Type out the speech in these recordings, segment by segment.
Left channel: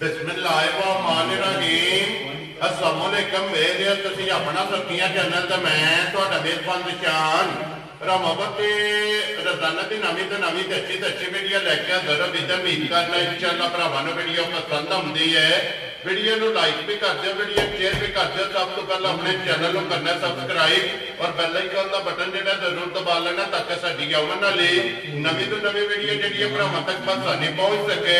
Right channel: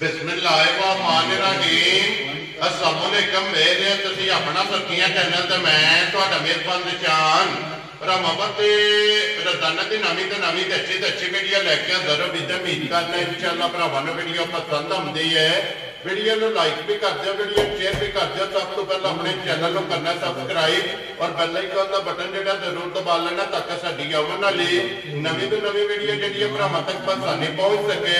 बिस्मिल्लाहिर्रहमानिर्रहीम। अस्सलाम वालेकुम मेरे तुसी अपना सखियां चैनल ते मैं तुहाडा मेजबान निशान रमावती रोजाना की नवी तो नवी अच्छी वीडियो लैके जरूर उम्मीद करना इंशाअल्लाह भरावां नूं वीडियो पसंद आउंदी है। वीडियो नूं लाइक भी कर दिओ, वीडियो शेयर भी कर दिओ। सब तो पहले अपने चैनल को करना सब्सक्राइब और बेल आइकन का बटन जो जरूर दबा लेना ताकि साडी आउण वाली नवी तो नवी वीडियो जी भरावां तक आसानी पहुंच सके।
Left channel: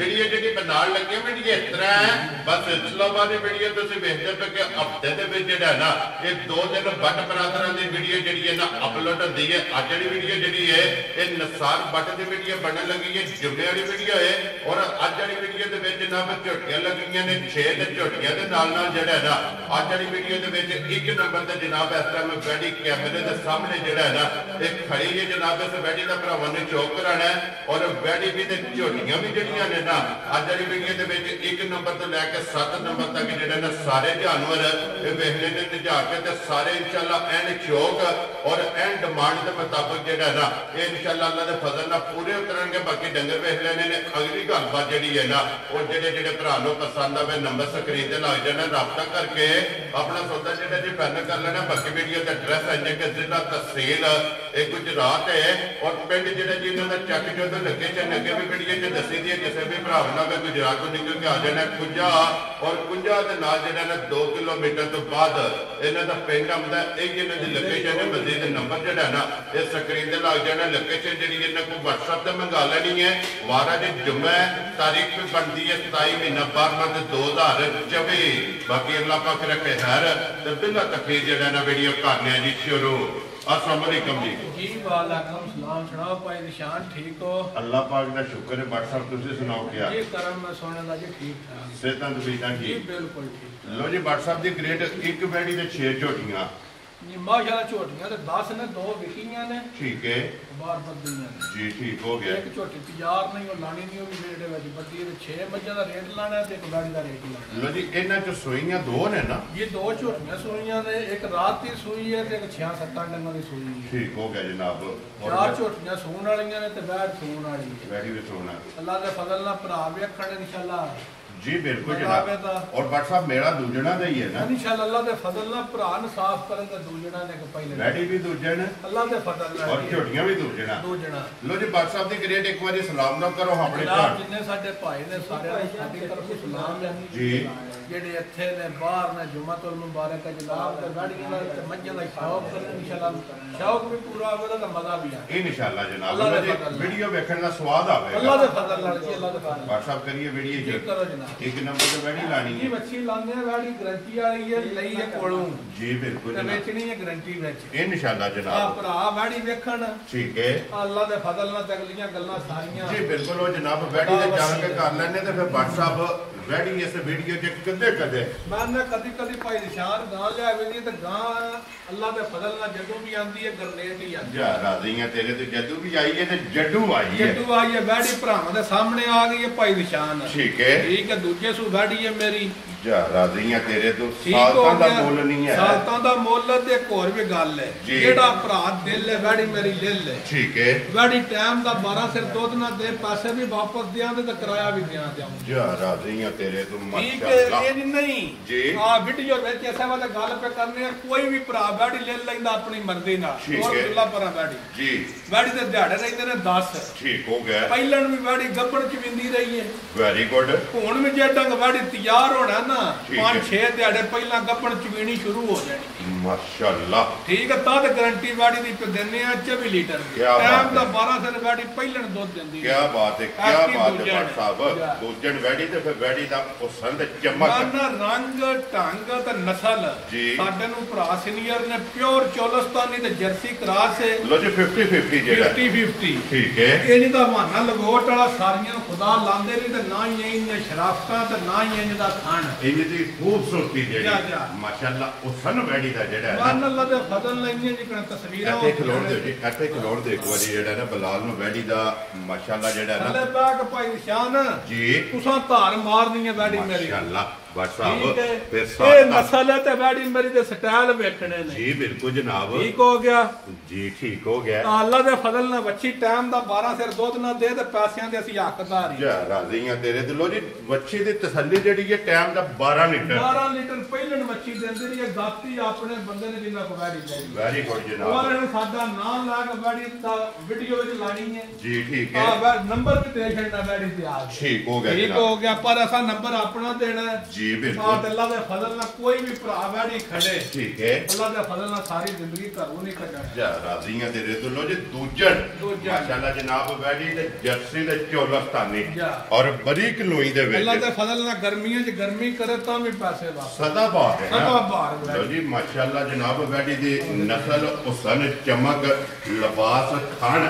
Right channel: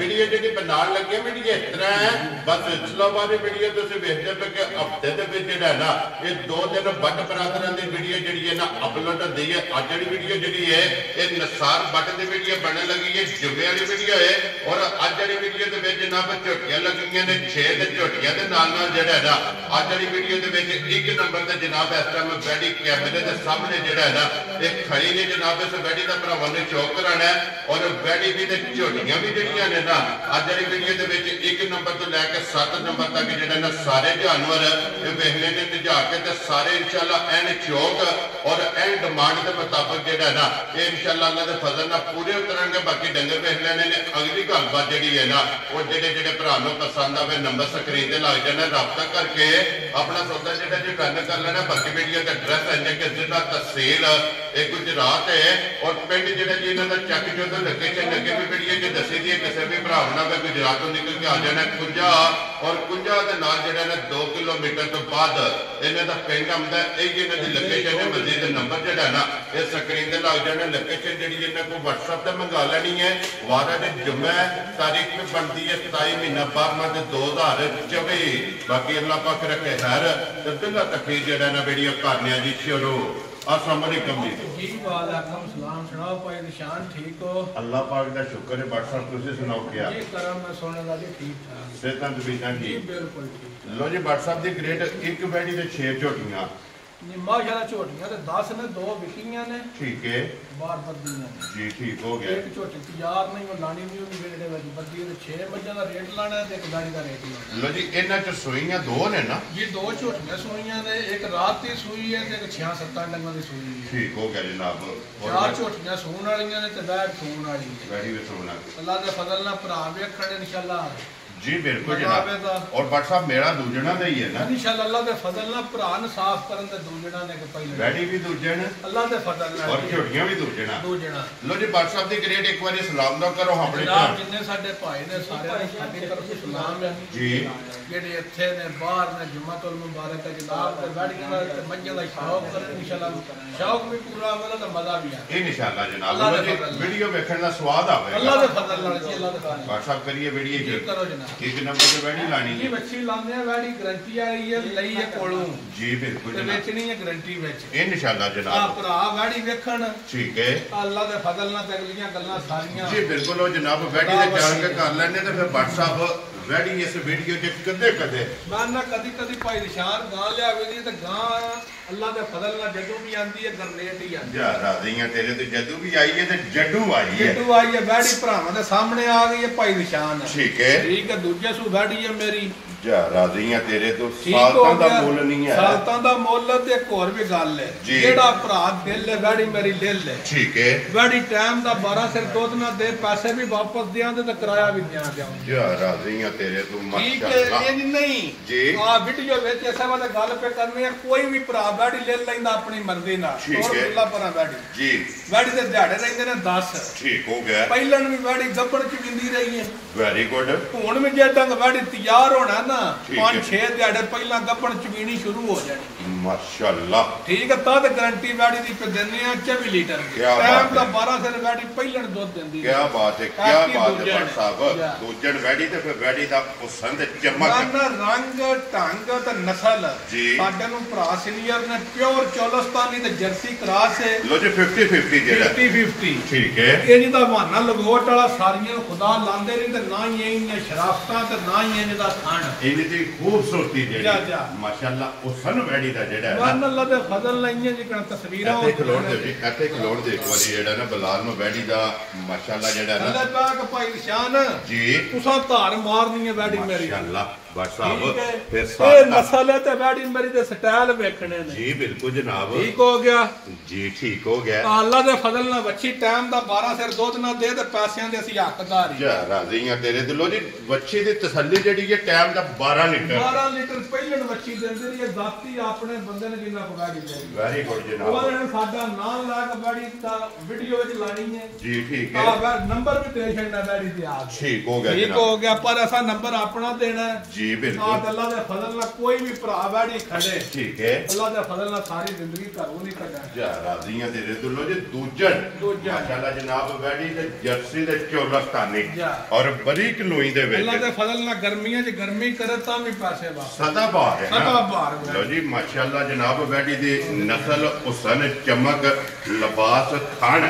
वीडियो जी बनाने लगे वीडियो इस तरह है, बस इस्लामाबादी वीडियो तुसीं वेखदे पे कि हफ्ते दे विच जिहड़ा ना ये 2 दिन बट बरादरां दी वीडियो जिहड़ी है ना अपलोड होंदी है। अज वाली वीडियो जिहड़ी है ये नसार बट दी वीडियो बनने लगी है, जुम्मे वाली वीडियो है। और अज वाली वीडियो दे विच जनाब झोटियां लगी ने 6 ते झोटियां दे नाल जिहड़ा ना अज वाली वीडियो दे विच 1 नंबर ते जनाब इस टाइम वैडी कैमरे दे सामने जिहड़ा ना एक खड़ी ने जनाब इस वैडी दा भरावां ने शौक कराना है। और वैडी भी ते झोटियां भी जिहड़ियां ने ना अज वाली वीडियो दे विच 1 नंबर तो लैके 7 नंबर तक जिहड़ा ना सारे जानवर वेखने ने निजा के ते सारे इंशाअल्लाह एंड शौक और एंड डिमांड के मुताबिक जिहड़ा ना ये इंशाअल्लाह अल्लाह दे फजल नाल पूरे उतरनगे। बाकी डंगर वेख लेने ने। अगली गलबात जिहड़ी है ना वो जिहड़े भरा नूं पसंद आवे नंबर स्क्रीन ते लग जाना, राबता करके अपना सौदा जिहड़ा जी फाइनल कर लेना। बाकी वीडियो का एड्रैस है कि जिला तहसील गुजरात है और पिंड जिहड़ा जी इन्हां दा चक चौधर लोकेशन अगे भी वीडियो च दसी दी है। किसी भी भरा ना गुजरात तो निकल के आ जाना कुंजा और कुंजा के नाल जिहड़ा ना 2 किलोमीटर तो बाद इन्हां दा पिंड आउंदा है। यही इन्हां दी लोकेशन है। मजीद नंबर जिहड़ा ना ये स्क्रीन ते लग जाना। लोकेशन जिहड़ी इन्हां को WhatsApp ते मंगा लेनी है। वारा दिन जुम्मा तारीख में बनती है 27 महीना 12 2024। बाकी अल्लाह पाक रखे खैर ते बिल्ला तकरीर जिहड़ा ना वीडियो करने जी शुरू। अस्सलाम वालेकुम जी। वालेकुम सलाम। सुनाओ भाई निशान ठीक हो? अल्लाह पाक दा शुक्र है। बट साहब तुसीं सुनाओ क्या जी करम मैं सोने दा जी ठीक ठाक सेहतां तबीयतां जी ठीक? बिल्कुल ठीक। लो जी बट साहब दी ग्रेड एक बैठी ते 6 झोटियां जी माशाल्लाह झोटियां ते 10 ने 2 विकियां ने ठीक है बार बद्दियां ने जी ठीक हो गया। एक झोटी तैयार नहीं वो लानी नहीं होगी जेड़े वाली बद्दी है। 6 मज्जां दा रेट लाना है ते एक गाड़ी दा रेट लाना। लो जी इन्हां च सूइयां 2 ने ना? ये 2 झोटियां सूइयां ने, एक रात दी सूई है ते एक 6-7 डंगां दी सूई है। ठीक हो गया जनाब। और 4 झोटियां सूण वालियां ने ते बैठ सूण वाली है। बैठी भी सोना अल्लाह दे फजल नाल भरा वेखण इंशाअल्लाह जी बिल्कुल जनाब। और बट साहब मेरा दूजना दा ही है ना इंशाअल्लाह। अल्लाह दे फजल नाल भरा न साफ करन ते दूजना ने के पहले बैठी भी दूजन अल्लाह दे फजल नाल और झोटियां भी दूजना। लो जी बट साहब दी ग्रेड एक बार सलाम दा करो अपने जनाब जिन्ने साडे भाई ने सारे साडी तरफ सलाम है जी। जेडे इत्थे ने बाहर ने जुम्मतुल मुबारक है जनाब ते गाड़ियां दा ते मज्जां दा शौक करन इंशाअल्लाह। शौक भी पूरा आवेगा ते मजा भी आए इंशाअल्लाह जनाब। वीडियो देखने दा स्वाद आवेगा अल्लाह दे फजल नाल जी। अल्लाह दे फजल बट साहब करिए वीडियो जी करो जनाब। 1 नंबर ते बैठी लानी जी मच्छी लाने हैं। बैठी गारंटी वाली है लई है कोलों जी बिल्कुल जनाब। बेचनी है गारंटी विच इंशाअल्लाह जनाब। भरा बैठी वेखण ठीक है अल्लाह दे फजल नाल ते अगलियां गल्लां सारियां जी बिल्कुल। ओ जनाब बैठी ते जान के कर लेने ते फिर बट साहब बैठी इस वीडियो च कदे कदे मैं कदी कदी भाई निशान गां लियावेगी ते गां अल्लाह दे फजल नाल जदों भी आंदी है गरनेट ही आंदी है। राज़ियां तेरे ते जदों भी आई है ते जड्डू आई है। जड्डू आई है बैठी भरावां दे सामने आ गई है भाई निशान ठीक है दूजे सू बैठी है मेरी जा राज़ियां तेरे तो सालतां दा मुੱਲ नहीं है। सालतां दा मुੱਲ ते एक और भी गल है जेड़ा भरा दिल है बैठी मेरी दिल है ठीक है। बैठी टाइम दा 12 सिर दुध ना दे पैसे भी वापस दियां ते किराया भी दियां जा राज़ियां तेरे तो माशाअल्लाह ये नहीं जी। आ वीडियो विच ऐसा वाला गल पे करने कोई भी भरा बैठी ले लैंदा अपनी मर्जी नाल और अल्लाह पर बैठी जी बैठी ते दिहाड़े रहिंदे ने 10 ठीक हो गया। पहलन भी बैठी गब्बड़ च विंदी रही है वेरी गुड। हुण भी जे डंग बैठी तैयार होना ना 5-6 दिहाड़े पहला गब्बड़ चवीनी शुरू हो जानी माशाअल्लाह ठीक है। तद गारंटी बैठी दी पे देने 24 लीटर टाइम दा 12 सिर बैठी पहलन दुध देंदी। क्या बात है क्या बात है बट साहब दूजन बैठी ते फिर बैठी दा पसंद चमक ना रंग ढंग ते नस्ल जी साडे नु भरा सीनियर ने प्योर चोलस्तानी ते जर्सी क्रॉस है। लो जी 50-50 जेड़ा 50-50 ठीक है। ये जिदा बहाना लगोट वाला सारियां खुदा लांदे नहीं ते ना ही इन्ने शराफतां ते ना ही इनदा खान इनदी खूबसूरती जेड़ी माशाअल्लाह उसन बैठी दा जेड़ा है मान अल्लाह दे फजल नहीं है जिकन तस्वीरां ते खलोड़ दे एक बारी जेड़ा ना बलाल नु बैठी दा माशाअल्लाह जेड़ा ना अल्लाह पाक भाई निशान जी तुसा धार मारनी है बैठी मेरी माशाअल्लाह नस्ल है ते बैड़ी मेरी दे स्टाइल वेखने ने जी बिल्कुल जनाब ठीक हो गया जी ठीक हो गया अल्लाह दे फजल ना बच्ची टाइम दा 12 सिर दुध ना दे ते पैसियां दे ਅਸੀਂ हकदार जा राजी हां तेरे दिलों जी बच्ची दी तसल्ली जेडी है टाइम दा 12 लीटर ਪਹਿਲਣ ਬੱਚੀ ਦਿੰਦੇ ਨੇ ਦਾਤੀ ਆਪਣੇ ਬੰਦੇ ਨੇ ਜਿੰਨਾ ਪਗਾੜੀ ਜਾਈ ਵੈਰੀ ਗੁੱਡ ਜਨਾਬ ਉਹਨਾਂ ਨੇ ਸਾਡਾ ਨਾਮ ਲਾ ਕੇ ਬੜੀ ਦਾ ਵੀਡੀਓ ਵਿੱਚ ਲਾਣੀ ਹੈ ਜੀ ਠੀਕ ਹੈ ਆ ਨੰਬਰ ਵੀ ਦੇ ਛੱਡਣਾ ਬੜੀ ਤੇ ਆ ਠੀਕ ਹੋ ਗਿਆ ਠੀਕ ਹੋ ਗਿਆ ਪਰ ਅਸਾਂ ਨੰਬਰ ਆਪਣਾ ਦੇਣਾ ਜੀ ਬਿਲਕੁਲ ਅੱਲਾਹ ਦੇ ਫਜ਼ਲ ਨਾਲ ਕੋਈ ਵੀ ਭਰਾ ਬੜੀ ਖੜੇ ਠੀਕ ਹੈ ਅੱਲਾਹ ਦੇ ਫਜ਼ਲ ਨਾਲ ਸਾਰੀ ਜ਼ਿੰਦਗੀ ਘਰੋਂ ਨਹੀਂ ਕੱਢਣਾ ਜਾ ਰਾਜ਼ੀ ਹਾਂ ਤੇਰੇ ਦਿਲੋਂ ਜੀ ਦੂਜਣ ਮਾਸ਼ਾਅੱਲਾ ਜਨਾਬ ਬੈੜੀ ਤੇ ਜਰਸੀ ਦੇ ਚੋਲਸਤਾਨੀ ਔਰ ਬਰੀਕ ਲੋਈ ਦੇ ਵਿੱਚ ਅੱਲਾਹ ਦੇ ਫਜ਼ਲ ਨਾਲ ਗਰਮੀਆਂ 'ਚ ਗਰਮੀ ਕਰੇ ਤਾਂ ਵੀ ਪੈਸੇ ਵਾਪਸ ਸਦਾ ਬਾਹਰ ਹੈ ਸਦਾ ਬਾਹਰ ਲੋ ਜੀ ਮਾਸ਼ਾਅੱਲਾ ਜਨਾਬ ਬੈੜੀ ਦੀ ਨਸਲ ਹੁਸਨ ਚਮਕ ਲਿਬਾਸ ਖਾਣ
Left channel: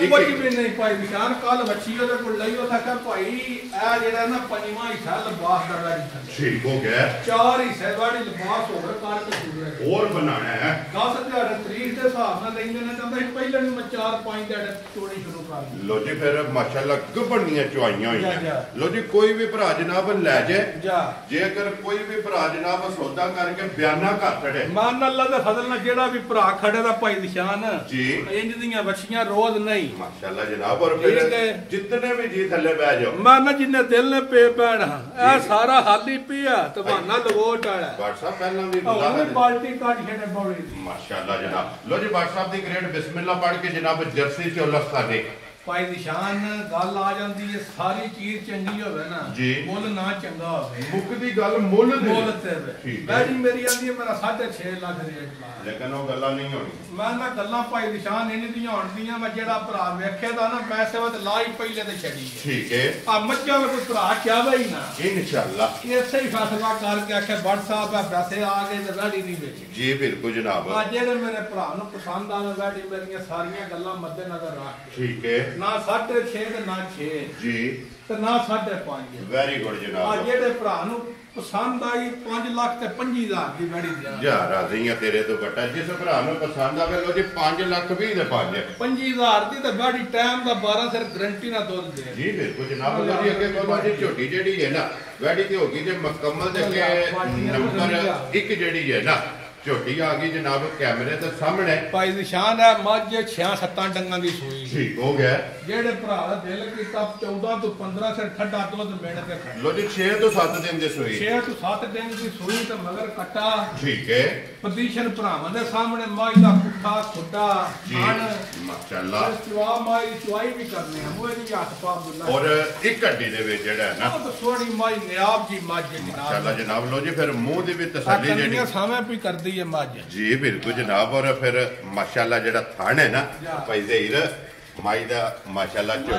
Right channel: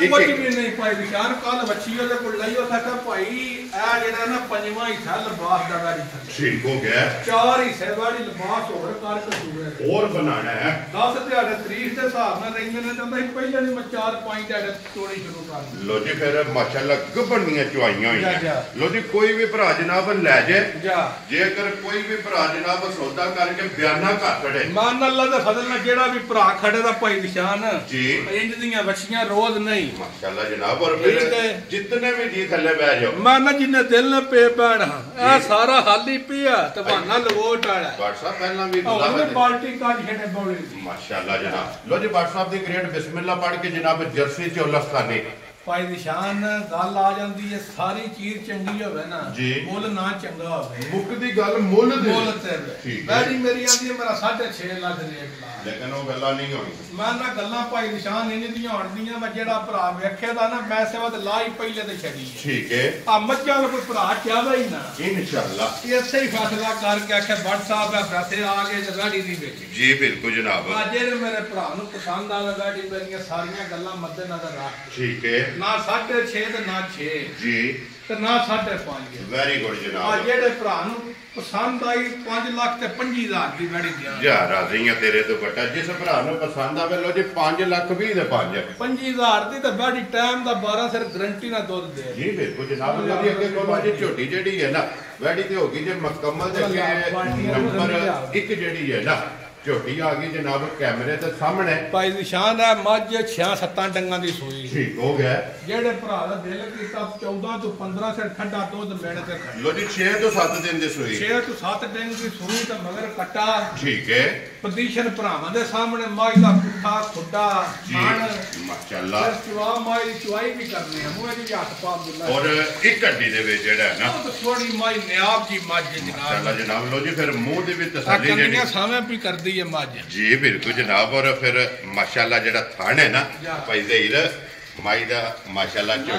ਕੁਝ ਵੀ ਨਹੀਂ ਭਾਈ ਵਿਸ਼ਾਨ ਕੱਲ ਬੱਚੀ ਉਹਦੇ ਕੋਲ ਲਈ ਉਹ ਥਾ ਭਾਈ ਇਹ ਜਿਹੜਾ ਨਾ ਪੰਜਵਾਂ ਹਿੱਸਾ ਲਿਬਾਸ ਦਾ ਵੈਰੀ ਠੀਕ ਹੋ ਗਿਆ ਚਾਰ ਹਿੱਸੇ ਵਾਲੀ ਲਿਬਾਸ ਹੋਰ ਕਾਰ ਕਸੂਰੇ ਹੋਰ ਬਣਾਣਾ ਹੈ 10 ਦਿਹਾੜੇ ਤਰੀਕ ਦੇ ਹਿਸਾਬ ਨਾਲ ਨਹੀਂ ਉਹਨਾਂ ਕਹਿੰਦਾ ਸੀ ਪਹਿਲਾਂ ਨੂੰ ਮੈਂ 4-5 ਦਿਹਾੜੇ ਤੋੜੀ ਸ਼ੁਰੂ ਕਰ ਲੋ ਜੀ ਫਿਰ ਮਾਸ਼ਾਅੱਲਾ ਗੱਬਣੀਆਂ ਚੁਆਈਆਂ ਹੋਈਆਂ ਲੋ ਜੀ ਕੋਈ ਵੀ ਭਰਾ ਜਨਾਬ ਲੈ ਜਾ ਜੇਕਰ ਕੋਈ ਵੀ ਭਰਾ ਜਨਾਬ ਸੌਦਾ ਕਰਕੇ ਬਿਆਨਾ ਕਰ ਫੜੇ ਮਾਨ ਅੱਲਾ ਦੇ ਫਜ਼ਲ ਨਾਲ ਜਿਹੜਾ ਵੀ ਭਰਾ ਖੜੇ ਦਾ ਭਾਈ ਨਿਸ਼ਾਨ ਜੀ ਇੰਜ ਦੀਆਂ ਬੱਚੀਆਂ ਰੋਜ਼ ਨਹੀਂ ਮਾਸ਼ਾਅੱਲਾ ਜਨਾਬ ਔਰ ਫਿਰ ਜਿੰਨੇ ਵੀ ਜੀ ਥੱਲੇ ਬਹਿ ਜਾਓ ਮਾਨਾ ਜਿੰਨੇ ਦਿਲ ਨੇ ਪੇ ਪੈਣਾ ਇਹ ਸਾਰਾ ਹਾਲੀ ਪਿਆ ਤੇ ਬਹਾਨਾ ਲਵੋਟ ਵਾਲਾ WhatsApp ਪਹਿਲਾਂ ਵੀ ਉਹਨੇ ਬਾਲਟੀ ਕੱਢ ਛੱਡੇ ਬੋਲੇ ਮਾਸ਼ਾਅੱਲਾ ਜਨਾਬ ਲੋ ਜੀ WhatsApp ਦੀ ਗ੍ਰੇਡ ਬਿਸਮਿਲ੍ਲਾ ਪੜ੍ਹ ਕੇ ਜਨਾਬ ਜਰਸੀ ਚੋਲਸਤਾਨੀ ਭਾਈ ਨਿਸ਼ਾਨ ਗੱਲ ਆ ਜਾਂਦੀ ਹੈ ਸਾਰੀ ਚੀਜ਼ ਚੰਗੀ ਹੋਵੇ ਨਾ ਮੁੱਲ ਨਾ ਚੰਗਾ ਹੋਵੇ ਮੁੱਕ ਦੀ ਗੱਲ ਮੁੱਲ ਤੇ ਠੀਕ ਹੈ ਜੀ ਮੇਰੀ ਆਂਦੀ ਹੈ ਮੇਰਾ 6.5 ਲੱਖ ਰੇਟ ਲਾ ਲੇਕਿਨ ਉਹ ਗੱਲਾਂ ਨਹੀਂ ਹੋਣੀ ਮੈਂ ਨਾ ਗੱਲਾਂ ਭਾਈ ਨਿਸ਼ਾਨ ਇਹਨੀ ਦੀਆਂ ਹੋਣਦੀਆਂ ਮੈਂ ਜਿਹੜਾ ਭਰਾ ਵੇਖੇ ਦਾ ਨਾ ਮੈਂ ਸੇਵਤ ਲਾਈ ਪਹਿਲੇ ਤੇ ਛੱਡੀ ਠੀਕ ਹੈ ਆ ਮੱਝਾਂ ਨੂੰ ਕੋਈ ਭਰਾ ਚਾਹਵੇ ਹੀ ਨਾ ਇਨਸ਼ਾਅੱਲਾ ਇਸੇ ਹੀ ਫੈਸਲਾ ਕਰਕੇ ਆਖੇ WhatsApp ਆ ਪੈਸੇ ਆ ਗਏ ਤੇ ਵੈੜੀ ਦੀ ਵਿੱਚ ਜੀ ਬਿਲਕੁਲ ਜਨਾਬ ਆ ਜਿਹੜੇ ਮੇਰੇ ਭਰਾ ਨੂੰ ਪਸੰਦ ਆਵੇ ਵੈੜੀ ਮੇਰੀਆਂ ਸਾਰੀਆਂ ਗੱਲਾਂ ਮੱਦੇ ਨਜ਼ਰ ਰੱਖ ਠੀਕ ਹੈ ਨਾ 6.5 ਤੇ ਨਾ 6 ਜੀ ਤੇ ਨਾ 5.5 ਵੈਰੀ ਗੁੱਡ ਜਨਾਬ ਆ ਜਿਹੜੇ ਭਰਾ ਨੂੰ ਪਸੰਦ ਆਈ 5 ਲੱਖ ਤੇ 25,000 ਦੀ ਵੈੜੀ ਗਿਆ ਜਾ ਰਾਜ਼ੀਆਂ ਤੇਰੇ ਤੋਂ ਘਟਾ ਜਿਸ ਭਰਾ ਨੂੰ ਪਸੰਦ ਆਵੇ ਲੋ ਜੀ 5 ਲੱਖ 20 ਦੇ 25,000 ਦੀ ਤੇ ਵੈੜੀ ਟਾਈਮ ਦਾ 12 ਸਿਰ ਗਰੰਟੀ ਨਾਲ ਦੁੱਧ ਦੇ ਜੀ ਬਿਲਕੁਲ ਜਨਾਬ ਲੋ ਜੀ ਅੱਗੇ ਕੋਲ ਜੀ ਝੋਟੀ ਜਿਹੜੀ ਹੈ ਨਾ ਵੈੜੀ ਤੇ ਹੋ ਗਈ ਜੇ ਮੁਕੰਮਲ ਤੇ ਨੰਬਰ 1 ਜਿਹੜੀ ਹੈ ਨਾ ਝੋਟੀ ਆ ਗਈ ਜਨਾਬ ਕੈਮਰੇ ਦੇ ਸਾਹਮਣੇ ਭਾਈ ਨਿਸ਼ਾਨ ਹੈ ਮੱਝ 6-7 ਡੰਗਾਂ ਦੀ ਸੂਈ ਠੀਕ ਹੋ ਗਿਆ ਜਿਹੜੇ ਭਰਾ ਦਾ ਦਿਲ ਕੀਤਾ 14 ਤੋਂ 15 ਸਿਰ ਠੰਡਾ ਦੁੱਧ ਮਿਲ ਕੇ ਲੋ ਜੀ 6 ਤੋਂ 7 ਦਿਨ ਦੀ ਸੂਈ 6 ਤੋਂ 7 ਦਿਨ ਦੀ ਸੂਈ ਤੇ ਮਗਰ ਕੱਟਾ ਠੀਕ ਹੈ ਪੋਜੀਸ਼ਨ ਭਰਾਵਾਂ ਦੇ ਸਾਹਮਣੇ ਮਾਈ ਦਾ ਪੁੱਠਾ ਖੁੱਡਾ ਖਾਣ ਮਾਸ਼ਾਅੱਲਾ ਚਵਾ ਮਾਈ ਚਵਾਈ ਵੀ ਕਰਨੇ ਆ ਮੂਹੇ ਦੀ ਹੱਥ ਪਾ ਬੁੱਲਾ ਔਰ ਇੱਕ ਹੱਡੀ ਦੇ ਵਿੱਚ ਜਿਹੜਾ ਹੈ ਨਾ ਉਹ ਸੋਹਣੀ ਮਾਈ ਨਿਆਬ ਜੀ ਮੱਝ ਜਨਾਬ ਮਾਸ਼ਾਅੱਲਾ ਜਨਾਬ ਲੋ ਜੀ ਫਿਰ ਮੂੰਹ ਦੇ ਵਿੱਚ ਤਸੱਲੀ ਜਿਹੜੀ ਸਾਵੇਂ ਵੀ ਕਰਦੀ ਹੈ ਮੱਝ ਜੀ ਬਿਲਕੁਲ ਜਨਾਬ ਔਰ ਫਿਰ ਮਾਸ਼ਾਅੱਲਾ ਜਿਹੜਾ ਥਣ ਹੈ ਨਾ ਭਾਈ ਜ਼ਹੀਰ ਮਾਈ ਦਾ ਮਾਸ਼ਾਅੱਲਾ ਜੀ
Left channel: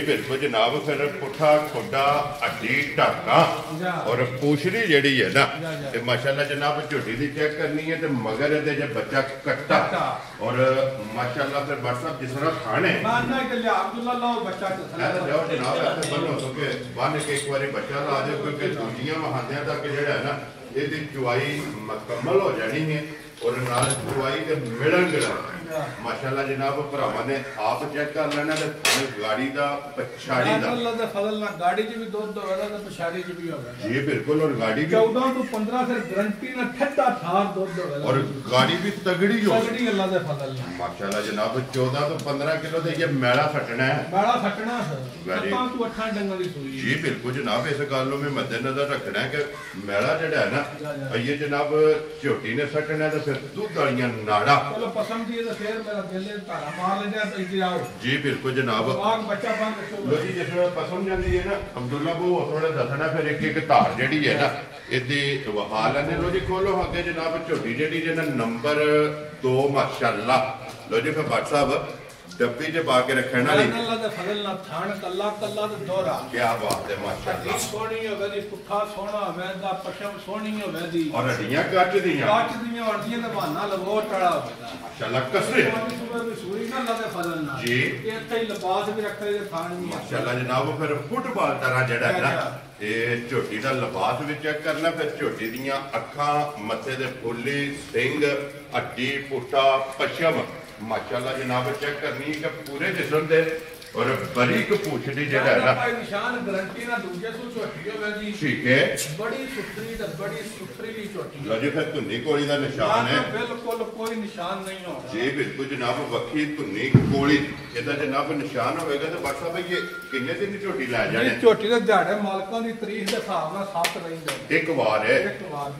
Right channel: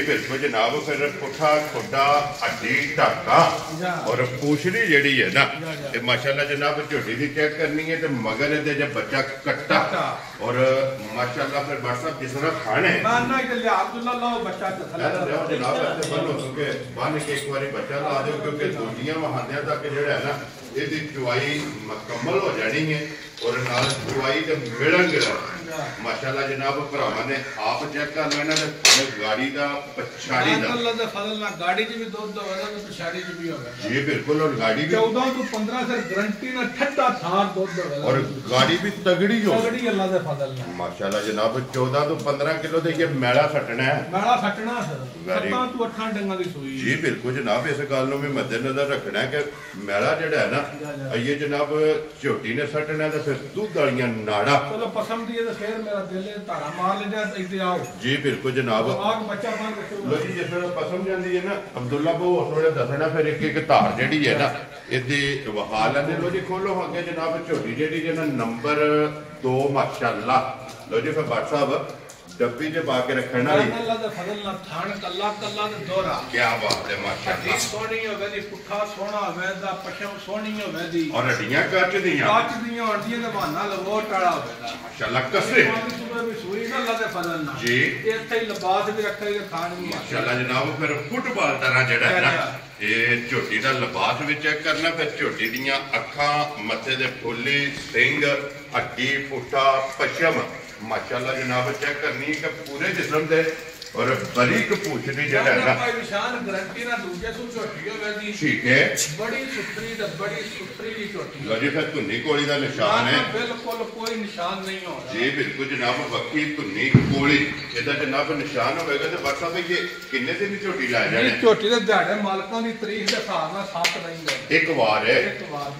ਬਿਲਕੁਲ ਜਨਾਬ ਫਿਰ ਪੁੱਠਾ ਖੁੱਡਾ ਅੱਡੀ ਢਾਕਾ ਔਰ ਪੂਛੜੀ ਜਿਹੜੀ ਹੈ ਨਾ ਤੇ ਮਾਸ਼ਾਅੱਲਾ ਜਨਾਬ ਝੋਟੀ ਦੀ ਚੈੱਕ ਕਰਨੀ ਹੈ ਤੇ ਮਗਰ ਇਹਦੇ ਜੇ ਬੱਚਾ ਕੱਟਾ ਔਰ ਮਾਸ਼ਾਅੱਲਾ ਫਿਰ WhatsApp ਜਿਸ ਤਰ੍ਹਾਂ ਖਾਣੇ ਨਾ ਕਿ ਲਿਆ ਅਬਦੁੱਲਾ ਲਾਓ ਬੱਚਾ ਲਿਆਓ ਜਨਾਬ ਇੱਥੇ ਬੰਨੋ ਕਿ ਬੰਨ ਕੇ ਇੱਕ ਵਾਰੀ ਬੱਚਾ ਲਾ ਦਿਓ ਕਿਉਂਕਿ ਦੂਜੀਆਂ ਮਹਾਂਦਿਆਂ ਤੱਕ ਜਿਹੜਾ ਹੈ ਨਾ ਇਹਦੀ ਚੁਆਈ ਮੁਕੰਮਲ ਹੋ ਜਾਣੀ ਹੈ ਔਰ ਨਾਲ ਚੁਆਈ ਤੇ ਮਿਲਣਗੇ ਮਾਸ਼ਾਅੱਲਾ ਜਨਾਬ ਭਰਾਵਾਂ ਨੇ ਆਪ ਚੈੱਕ ਕਰ ਲੈਣਾ ਤੇ ਗਾੜੀ ਦਾ ਪਛਾੜੀ ਦਾ ਅੱਲਾਹ ਦੇ ਫਜ਼ਲ ਨਾਲ ਗਾੜੀ 'ਚ ਵੀ ਦੁੱਧ ਹੋਵੇਗਾ ਤੇ ਪਛਾੜੀ 'ਚ ਵੀ ਹੋਵੇਗਾ ਜੀ ਬਿਲਕੁਲ ਔਰ ਗਾੜੀ ਵੀ 14 ਤੋਂ 15 ਸਿਰ ਗਰੰਟੀ ਨਾਲ ਠੰਡਾ ਥਾਰ ਦੁੱਧ ਹੋਵੇਗਾ ਔਰ ਗਾੜੀ ਵੀ ਤਗੜੀ ਹੋ ਤਗੜੀ ਅੱਲਾਹ ਦੇ ਫਜ਼ਲ ਨਾਲ ਮਾਸ਼ਾਅੱਲਾ ਜਨਾਬ 14 ਤੋਂ 15 ਕਿਲੋ ਦੇ ਇਹ ਮੈਲਾ ਸੱਟਣਾ ਹੈ ਮੈਲਾ ਸੱਟਣਾ 7 ਤੋਂ 8 ਡੰਗਾਂ ਦੀ ਸੂਈ ਜੀ ਬਿਲਕੁਲ ਜਨਾਬ ਇਸ ਗੱਲ ਨੂੰ ਵੀ ਮੱਦੇਨਜ਼ਰ ਰੱਖਣਾ ਹੈ ਕਿ ਮੈਲਾ ਜਿਹੜਾ ਹੈ ਨਾ ਇਹ ਜਨਾਬ ਝੋਟੀ ਨੇ ਸੱਟਣਾ ਤੇ ਫਿਰ ਦੁੱਧ ਵਾਲੀਆਂ ਨਾੜਾ ਚਲੋ ਪਸੰਦ ਦੀ ਤੇ ਫਿਰ ਮੇਰਾ ਦਿਲ ਧਾਰਾ ਮਾਰ ਲੈਂਦਾ ਇੱਥੇ ਆਓ ਜੀ ਬਿਲਕੁਲ ਜਨਾਬ ਆਗ ਬੱਚਾ ਬਣ ਕੇ ਲੋ ਜੀ ਜਿਸ ਵੇਲੇ ਪਸੰਦ ਜਾਂਦੀ ਹੈ ਨਾ ਅਬਦੁੱਲਾ ਬਹੁਤ ਥੋੜਾ ਦੱਸਣਾ ਫਿਰ ਇੱਕ ਧਾਰ ਜਿਹੜੀ ਹੈ ਨਾ ਇਹਦੇ ਵਹਾਲ ਨੇ ਲੋ ਜੀ ਖੋਲੋ ਅੱਗੇ ਜਨਾਬ ਝੋਟੀ ਜਿਹੜੀ ਜਿਹਨਾਂ ਨੰਬਰ 2 ਮਾਸ਼ਾਅੱਲਾ ਲੋ ਜੀ ਫਿਰ WhatsApp ਡੱਬੀ 'ਚ ਪਾ ਕੇ ਰੱਖਣ ਵਾਲੀ ਅੱਲਾਹ ਦੇ ਫਜ਼ਲ ਨਾਲ ਥਾਣ ਕੱਲਾ ਕੱਲਾ ਤੇ ਦੋਹਰਾ ਕੀ ਬਾਤ ਹੈ ਮਾਸ਼ਾਅੱਲਾ ਸੋਹਣੀ ਹੋਵੇ ਦੀ ਪੁੱਠਾ ਸੋਹਣਾ ਹੋਵੇ ਦਾ ਪਛਮ ਸੋਹਣੀ ਹੋਵੇ ਦੀ ਔਰ ਹੱਡੀਆਂ ਕੱਚ ਦੀਆਂ ਹੁੰਦੀਆਂ ਤੇ ਬਹਾਨਾ ਲਵੋਟ ਵਾਲਾ ਹੋਵੇਗਾ ਮਾਸ਼ਾਅੱਲਾ ਕਸਰੇ ਸੂਈ ਨਾ ਅੱਲਾਹ ਦੇ ਫਜ਼ਲ ਨਾਲ ਜੀ ਇੱਥੇ ਹੀ ਲਿਬਾਸ ਵੀ ਰੱਖੇ ਤੇ ਖਾਣ ਵੀ ਮਾਸ਼ਾਅੱਲਾ ਜਨਾਬ ਫਿਰ ਫੁੱਟਬਾਲ ਤਰ੍ਹਾਂ ਜਿਹੜਾ ਹੈ ਨਾ ਇਹ ਝੋਟੀ ਦਾ ਲਿਬਾਸ ਵੀ ਚੈੱਕ ਕਰਨਾ ਫਿਰ ਝੋਟੀ ਦੀਆਂ ਅੱਖਾਂ ਮੱਥੇ ਦੇ ਫੁੱਲੀ ਸਿੰਘ ਹੱਡੀ ਪੁੱਠਾ ਪਛਮ ਮਾਸ਼ਾਅੱਲਾ ਜਨਾਬ ਚੈੱਕ ਕਰਨੀ ਕਿ ਪੂਰੇ ਜਿਸਮ ਦੇ और बारीक पूछ दी जड़ा है भाई निशान गारंटी ना दूजे सु झोटी होवे दी ठीक है बड़ी सुथरी ते बड़ी सुथरी दी झोटी लो जी फिर धुन्नी कोली दा निशान है बिल्कुल कोई निशान नहीं होगा जी बिल्कुल जनाब वक्की धुन्नी कोली एदा जनाब निशान होवेगा ते बात साहब ये किन्ने दिन दी झोटी ला जाने झोटी दे दिहाड़े मालकां दी तारीख दे हिसाब नाल 7 नहीं एक बार है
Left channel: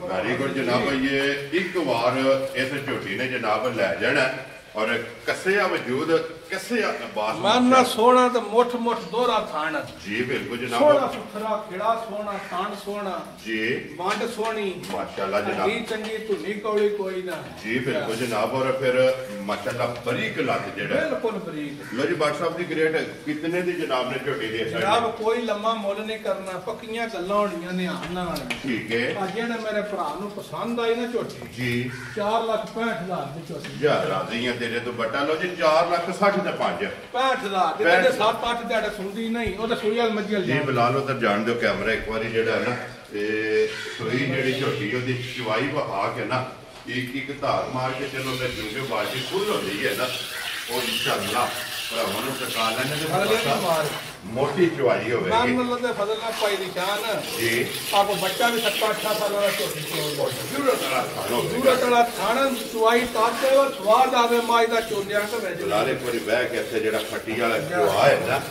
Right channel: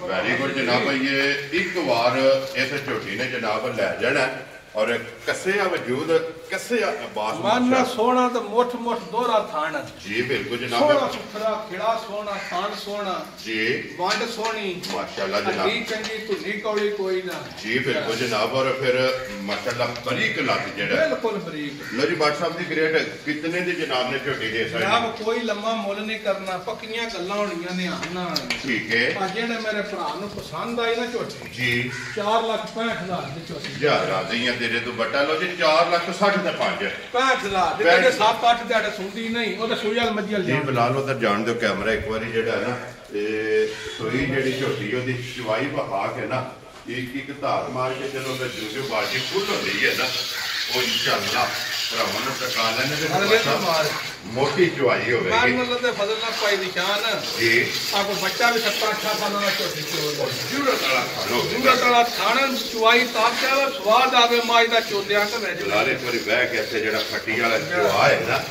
वेरी गुड जनाब ये एक बार इस झोटी ने जनाब लै जाना और कसिया वजूद कसिया बास माना सोना तो मोठ मोठ दोहरा थान जी बिल्कुल जनाब सोना सुथरा खिड़ा सोना थान सोना जी मंड सोनी माशाल्लाह जनाब चंगी धुनी कौड़ी कोई ना जी बिल्कुल जनाब और फिर माशाल्लाह बरीक लग जेड़ा बिल्कुल बरीक लो जी बादशाह साहब दी ग्रेड कितने दी जनाब ने झोटी दे सकते जनाब कोई लम्मा मुल नहीं करना पक्कियां गल्लां होणियां ने आना वाली ठीक है आ जेने मेरे भरा नु पसंद आई ना झोटी जी 4,65,000 दी झोटी जा राज़ियां तेरे तो बटा लो जी 4,60,000 दा 5 65,000 ਦੇ ਜਿਹੜੇ 7-8 ਦਿਹਾੜੇ ਸੁਣਦੀ ਨਹੀਂ ਉਹ ਤਾਂ ਸੂਈ ਵਾਲ ਮੱਝੀ ਜੀ ਬਿਲਾਲ ਉਧਰ ਜਾਣ ਦਿਓ ਕੈਮਰਾ ਇੱਕ ਵਾਰੀ ਜਿਹੜਾ ਹੈ ਨਾ ਤੇ ਸੋਈ ਜਿਹੜੀ ਝੋਟੀ ਉਹਦੀ ਚਵਾਈ ਵਹਾ ਕੇ ਨਾ ਇੱਕ ਧਾਰ ਮਾਰ ਕੇ ਚਲੋ ਫਿਰ ਜੂਗੇ ਬਾਜੀ ਫੁੱਲ ਹੋ ਰਹੀ ਹੈ ਨਾ ਉਹ ਇਨਸ਼ਾਅੱਲਾ ਭਰਾਵਾਂ ਨੂੰ ਟਕਾ ਲੈਣੇ ਤੇ ਮੋਟੀ ਚਵਾਈ ਹੋਵੇਗੀ ਮਾਨ ਦੇ ਫਜ਼ਲ ਨਾਲ ਪਾਈ ਨਿਸ਼ਾਨ ਜੀ ਆਪਕੋ ਬੱਚਾ ਵੀ 7-8 ਸਾਲਾਂ ਦਾ ਝੋਟੀ ਚੋਲ ਜੂਰਤ ਵਾਲਾ ਖਾਣੋ ਜੂਰਤ ਵਾਲਾ ਖਾਣ ਚਵਾਈ ਤਾਂ ਕਿ ਸਵਾਦ ਆਵੇ ਮਾਈ ਦਾ ਚੋਲਿਆਂ ਤੇ ਵੈਜ ਲਾਰੇ ਕੋਈ ਬਹਿ ਕੇ ਇੱਥੇ ਜਿਹੜਾ ਫੱਟੀ ਵਾਲਾ ਚਵਾ ਹੈ ਨਾ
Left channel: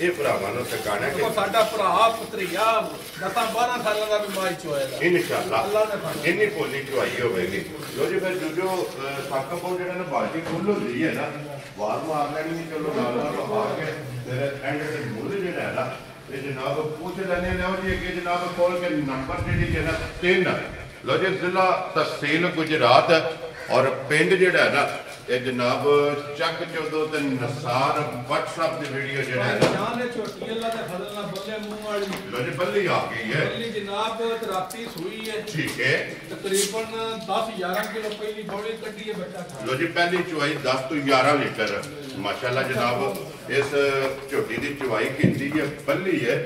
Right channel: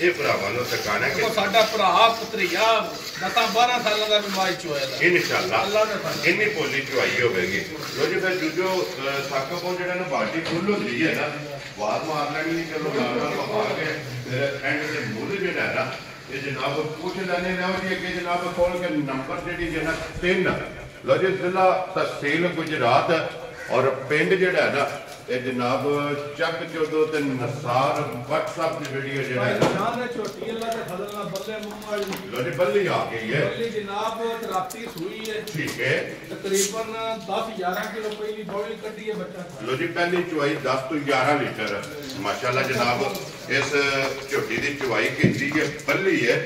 ਇਹ ਭਰਾਵਾਂ ਨੂੰ ਟਿਕਾਣਾ ਕਿ ਸਾਡਾ ਭਰਾ ਪੁੱਤਰੀਆ 10-12 ਸਾਲਾਂ ਦਾ ਵੀ ਮਾਈ ਚੋਇਆ ਦਾ ਇਨਸ਼ਾਅੱਲਾ ਅੱਲਾਹ ਨੇ ਫਾਇਦਾ ਇੰਨੀ ਪੋਲੀ ਚਵਾਈ ਹੋਵੇਗੀ ਜੋ ਜੀ ਫਿਰ ਜੋ ਸੱਕ ਪੋ ਜਿਹੜਾ ਨੇ ਬਾਲਟੀ ਫੁੱਲ ਹੁੰਦੀ ਹੈ ਨਾ ਬਾਹਰ ਮਾਰ ਲੈਣੀ ਚਲੋ ਨਾਲ ਬਹਾ ਕੇ ਫਿਰ ਐਂਡ ਤੇ ਮੁੱਲ ਜਿਹੜਾ ਹੈ ਨਾ ਇਹ ਜਨਾਬ ਪੁੱਛ ਲੈਣੇ ਲਓ ਜੀ ਕਿ ਜਨਾਬ ਕੋਲ ਕੇ ਨੰਬਰ ਜਿਹੜੀ ਜਨਾਬ 3 ਲੋ ਜੀ ਜ਼ਿਲ੍ਹਾ ਤਹਿਸੀਲ ਗੁਜਰਾਤ और पिंड जेड़ा है ना ये जनाब चक चौदो ते नसार WhatsApp दी वीडियो जेड़ा है ना जान छोटी अल्लाह ते फजल ना बल्ले मुंह वाली लो जी बल्ली आ गई है बल्ली जनाब राती सुई है ठीक है तकरीबन 10-11 किलो पहली बॉडी कड्डी है बच्चा लो जी पहली चुवाई 10 तो 11 लीटर माशाल्लाह जनाब इस झोटी दी चुवाई कीती है बल्ली है